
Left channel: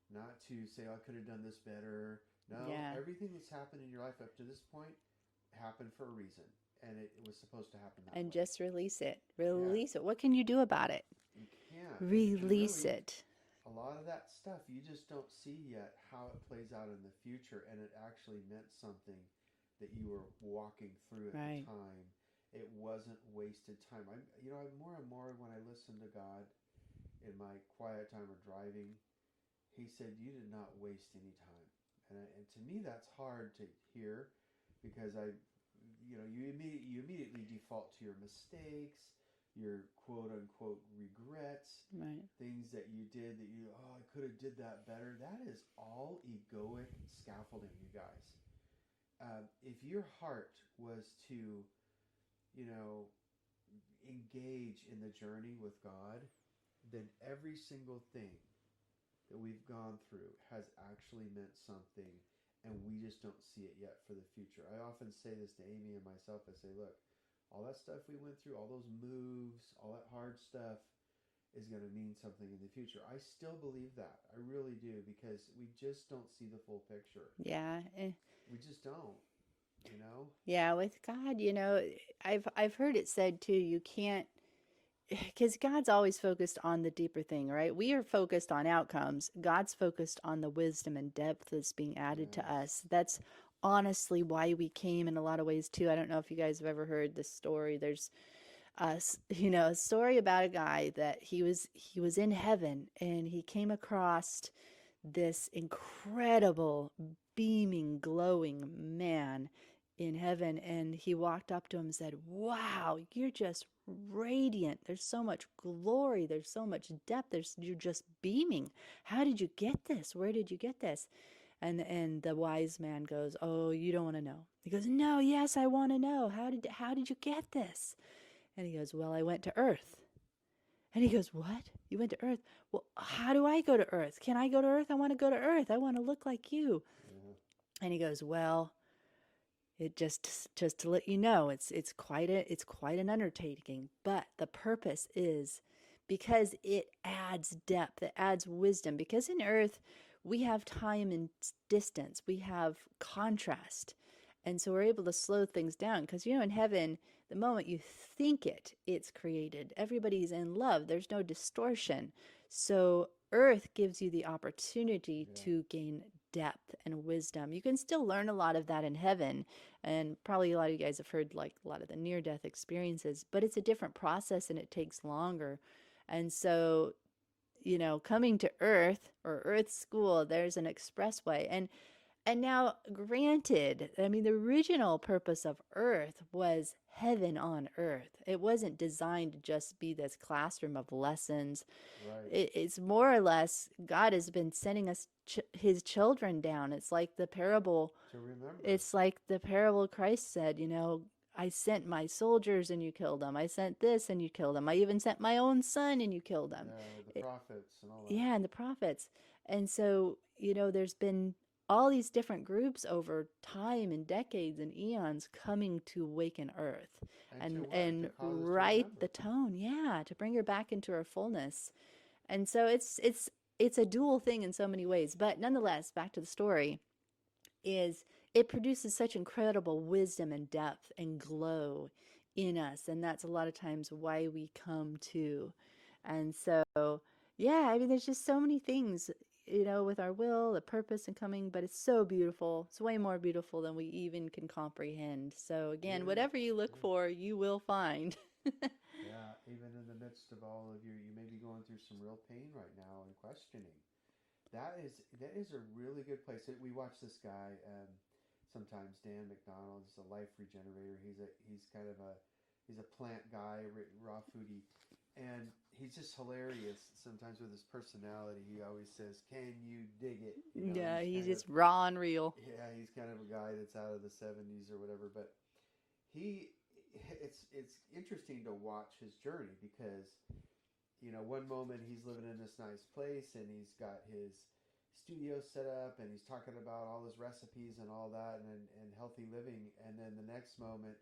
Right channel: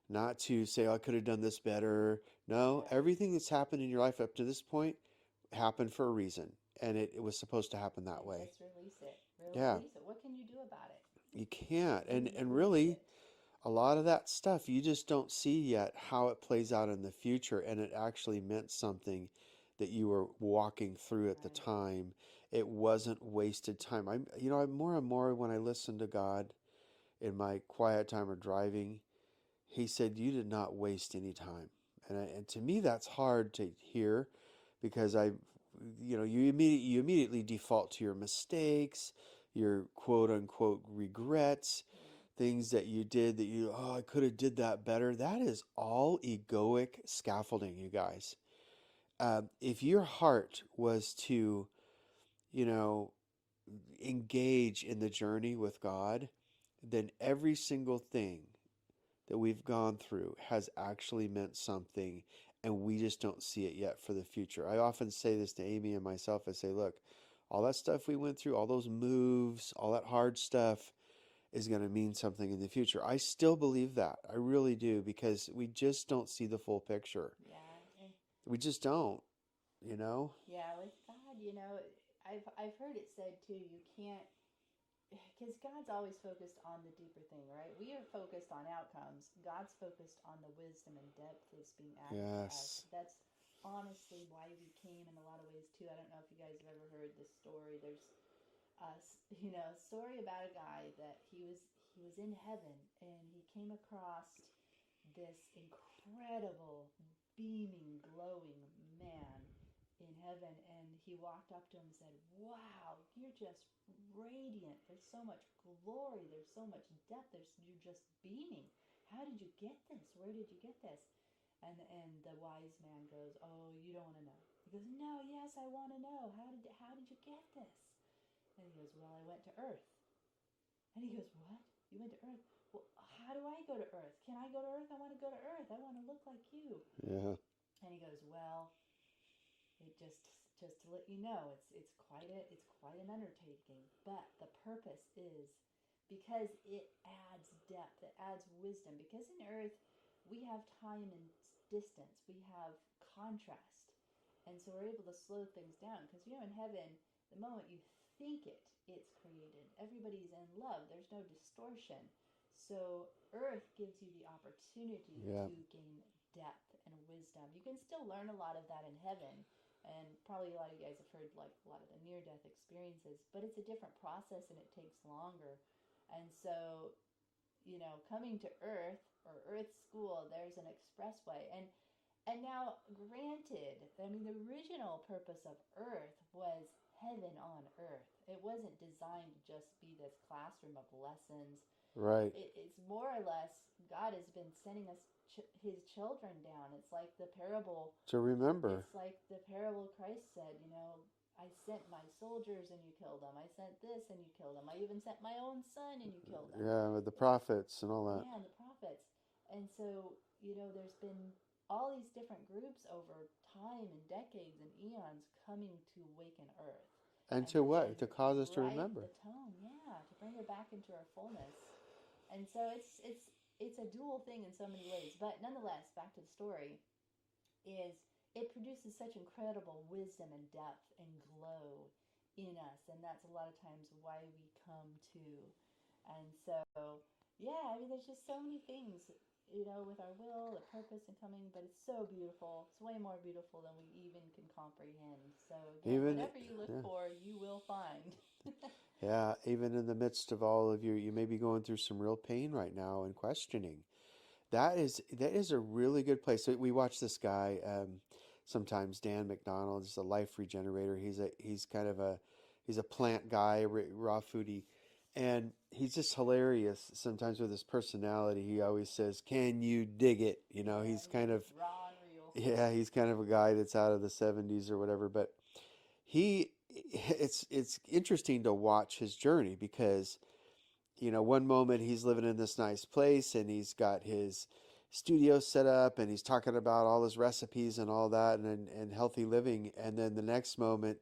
not to say, oh, I could have done this better. No, yeah. everything that's happened in your life up to this point happened for a reason, and it was supposed to happen that And way. just release it. Yeah, Release it. What can you do about it? you can't. And Release really, it. a lot of that stuff you just don't see yet how it plays out in the future, and it actually meant something that you were walking through at the Right. time. It wasn't wasted time. I'm more and more when I listen to God in my quiet time or driving, he said, you did not waste any time. And to me, that's hard to hear because you immediately default to your mistakes, your quote unquote regrets, Right. things that you did that I could have did that better. That is all egoic scaffolding, you guys. If your heart was to, you know, engage in the journey with God, then every single thing that we've gone through has actually meant something, and we just don't see it yet for the future. I often say this to Amy and myself. I say, look, all that stuff we went through, all those moves, all that hard stuff is going to mean something in the future. I still believe that. I really do, because we just don't see the full picture. Yeah. We just don't, you know? Yeah, with God, I've heard it said too, you can't because God's always focused on the deeper thing, right? We are focused on outcomes. God's focused on the wisdom and depth that's being added to us. Yes. That's honestly why we came in a lot of ways too. I don't know if you guys have ever heard this story. There's a story about a guy that he was in heaven and he came across this incredible beaming glowing man in heaven, and he walked up to him and said, wow, you're just radiant, there's so much glory, there's so much depth, you're just beaming. How did you get this? Where did you get this? And the wise man goes, oh, you don't want to know. He goes, no, yes, I want to know. How did you get this? And he goes, well, I went to earth. And he goes, what? You went to earth? Well, how do I go to earth? Can I go to earth? I want to go to earth. I want to look like you. Yeah. And he goes, well, it just to let you know, it's quite an undertaking, but the purpose is because it adds depth, it adds wisdom. Because in earth we have time and distance, we have contrast, and so we're able to slow things down. Because in heaven, the moment you think it's created. Everybody's in love. There's no distortion. So earth gives you the opportunity Yeah. to gain depth and wisdom. You can still learn a lot of that in heaven, and probably a lot of you guys have heard like a lot of the near death experiences, but it's a different process and it takes longer. And so, coming to earth or earth school, there's an expressway. And now, granted, I mean, the original purpose of earth was heaven on earth. It wasn't designed to just be this classroom of lessons. Right. It's more or less God has been sending us his children down. To remember. It's like the parable Christ said, I sent my soldiers and you killed them. I sent this and you killed them. I even sent my own son and you killed them. Yeah, with the It, prophets and all that. yeah, and the prophets. And so, there's been all these different groups over time and decades and eons coming to awaken Earth And to what? To and cause us to right the remember. tone, yeah, to bring her back into her fullness. And so it's a dual thing in so many ways. But nonetheless, back to the story, is it produces such incredible wisdom and depth and glow in us, and that's a lot of times why we come to. And so, yeah, I mean, there's just so many things, with our will, the purpose, and coming, but it's so beautiful. It's way more beautiful than we even can comprehend. So, again, Even, whatever you look yeah, for, you will find. yeah, even in the midst of all of you may be going through some real pain right now and questioning. That is a really good place. So we watch this guy, sometimes Dan McDonald, is a life regenerator. He's kind of he's a plant guy, raw foodie, and he's just hilarious sometimes with his personality. He always says, "Can you dig it?" Yeah, He's he's kind of just raw and real. yeah, he's kind of a guy that's out of the '70s or whatever. But he, it's interesting to watch his journey because one moment he's living in this nice place and he's got his studio set up and he's talking about all his recipes and all that and healthy living. And then the next moment,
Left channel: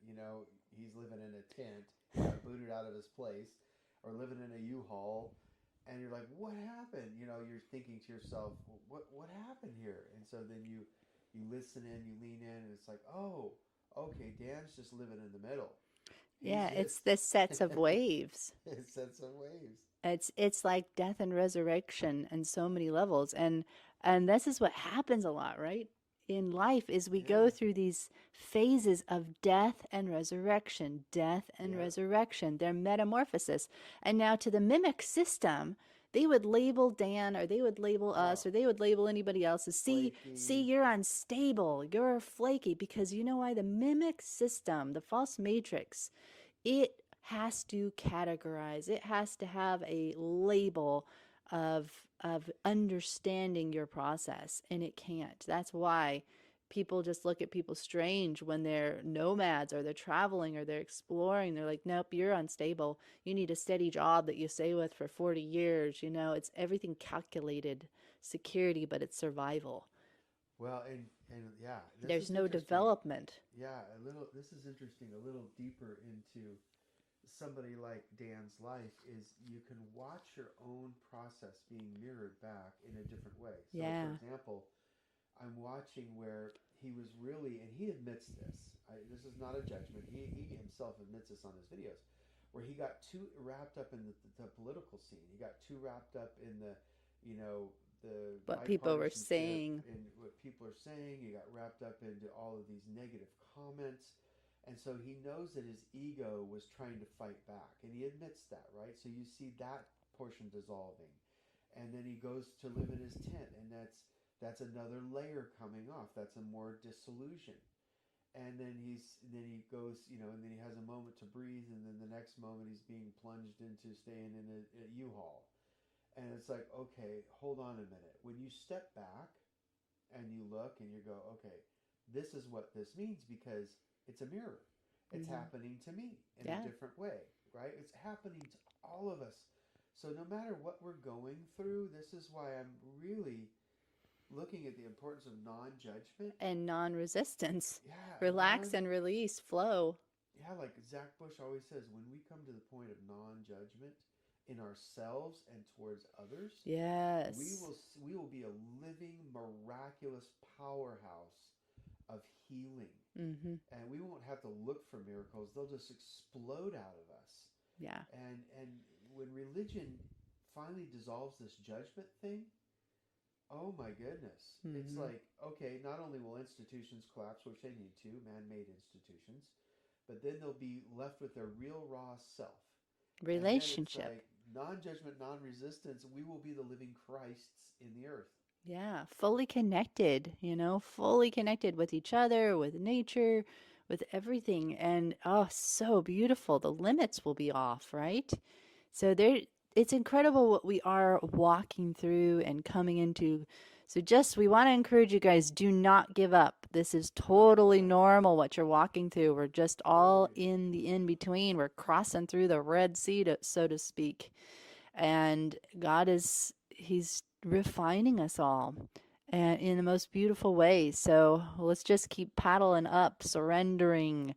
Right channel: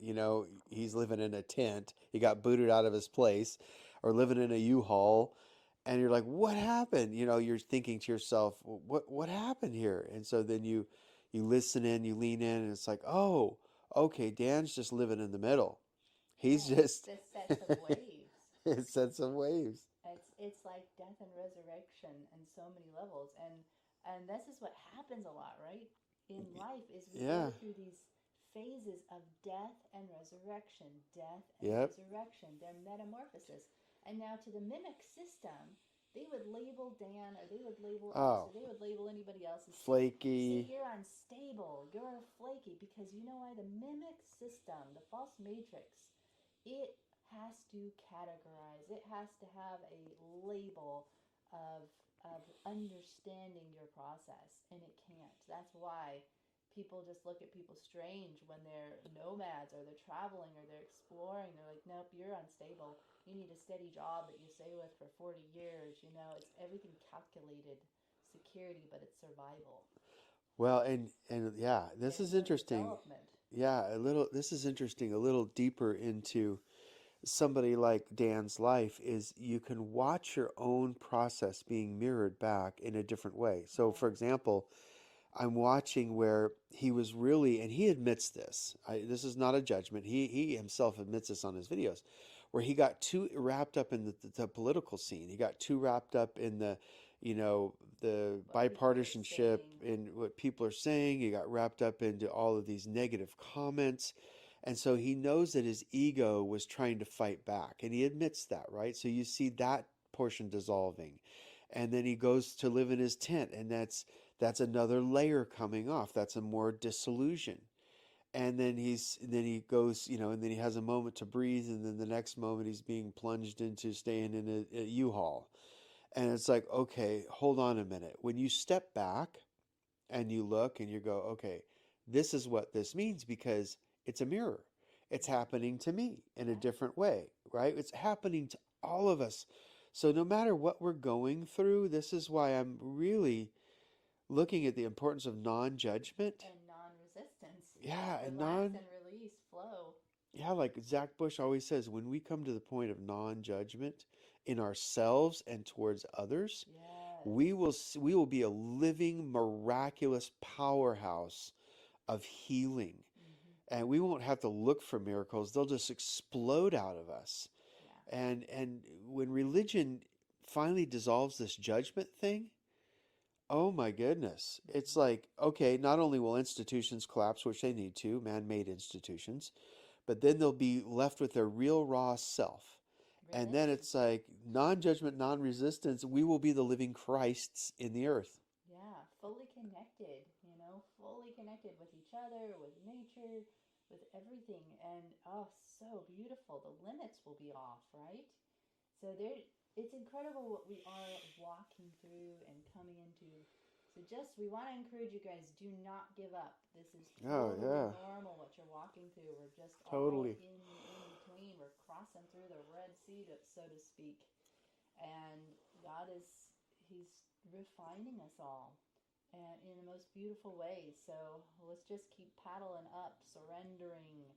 he's living in a tent. He got booted out of his place or living in a U-Haul. And you're like, what happened? You're thinking to yourself, what happened here? And so then you listen in, you lean in, and it's like, oh, okay, Dan's just living in the middle. He's Yeah, it's just the sets of waves. it sets some waves. It's like death and resurrection in so many levels, and this is what happens a lot, right? In life is we Yeah. go through these phases of death and Yep. resurrection, their metamorphosis. And now to the mimic system, they would label Dan or they would label us Oh, or they would label anybody else as see flaky. you're unstable, you're flaky because you know why the mimic system, the false matrix, it has to categorize. It has to have a label of understanding your process, and it can't. That's why people just look at people strange when they're nomads or they're traveling or they're exploring. They're like, nope, you're unstable. You need a steady job that you stay with for 40 years. It's everything calculated security, but it's survival. Well, and yeah, this There's is no interesting. development. Yeah, a little. This is interesting. A little deeper into somebody like Dan's life is you can watch your own process being mirrored back in a different way. So, for Yeah. example, I'm watching where he was really, and he admits this. This is not a judgment. He himself admits this on his videos, where he got too wrapped up in the political scene. He got too wrapped up in you know, the What people were bipartisanship saying. and what people are saying. He got wrapped up into all of these negative comments. And so he knows that his ego was trying to fight back, and he admits that, right? So you see that portion dissolving, and then he goes to live in his tent, and that's another layer coming off. That's a more disillusion. And then he goes, and then he has a moment to breathe, and then the next moment he's being plunged into staying in a U-Haul. And it's like, okay, hold on a minute. When you step back and you look and you go, okay, this is what this means because it's a mirror. It's Mm-hmm. happening to me in a Yeah. different way, right? It's happening to all of us. So no matter what we're going through, this is why I'm really looking at the importance of non-judgment. And non-resistance. Yeah, and Relax and release, flow. yeah, like Zach Bush always says, when we come to the point of non-judgment in ourselves and towards others, Yes. we will be a living miraculous powerhouse of healing. Mm-hmm. And we won't have to look for miracles. They'll just explode out of us. Yeah. And when religion finally dissolves this judgment thing, oh my goodness. It's Mm-hmm. like, okay, not only will institutions collapse, which they need to, man-made institutions, but then they'll be left with their real raw self. And then it's Relationship. like non-judgment, non-resistance, we will be the living Christs in the earth. Yeah. Fully connected, fully connected with each other, with nature, with everything. And oh, so beautiful. The limits will be off, right? So there it's incredible what we are walking through and coming into. So just we want to encourage you guys, do not give up. This is Oh totally yeah, normal what you're walking through. We're just all totally. in the in between. We're crossing through the Red Sea, so to speak. And God is he's refining us all. and in the most beautiful way. So let's just keep paddling up, surrendering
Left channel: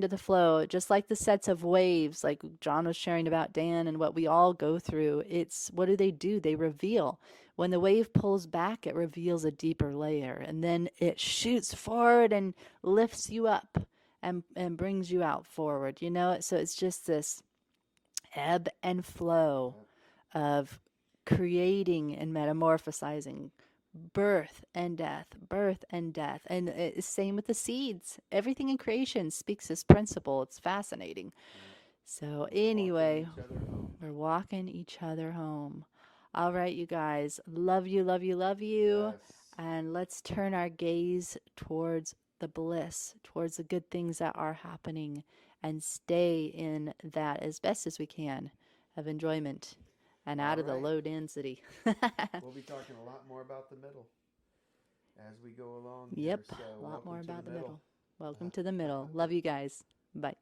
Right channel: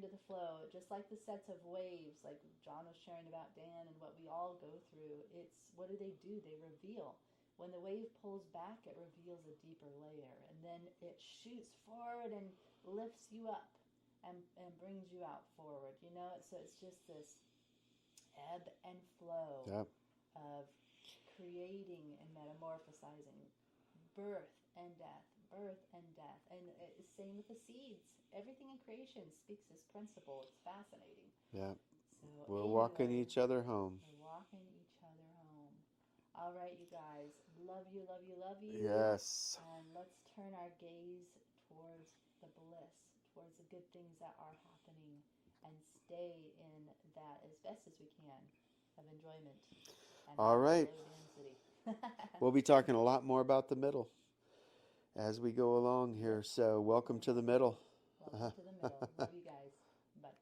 to the flow, just like the sets of waves, like John was sharing about Dan and what we all go through. It's what do? They reveal. When the wave pulls back, it reveals a deeper layer, and then it shoots forward and lifts you up and brings you out forward. So it's just this ebb and flow Yep. of creating and metamorphosizing, birth and death. And it's same with the seeds. Everything in creation speaks this principle. It's fascinating. Yep. So, We're walking anyway, each other home. we're walking each other home. All right, you guys. Love you, love you, love you. Yes. And let's turn our gaze towards the bliss, towards the good things that are happening, and stay in that as best as we can of enjoyment and All out of the right. low density. We'll be talking a lot more about the middle as we go along here. Yep, So, a lot more welcome to the about the middle. middle. Welcome to the middle. Love you guys. Bye.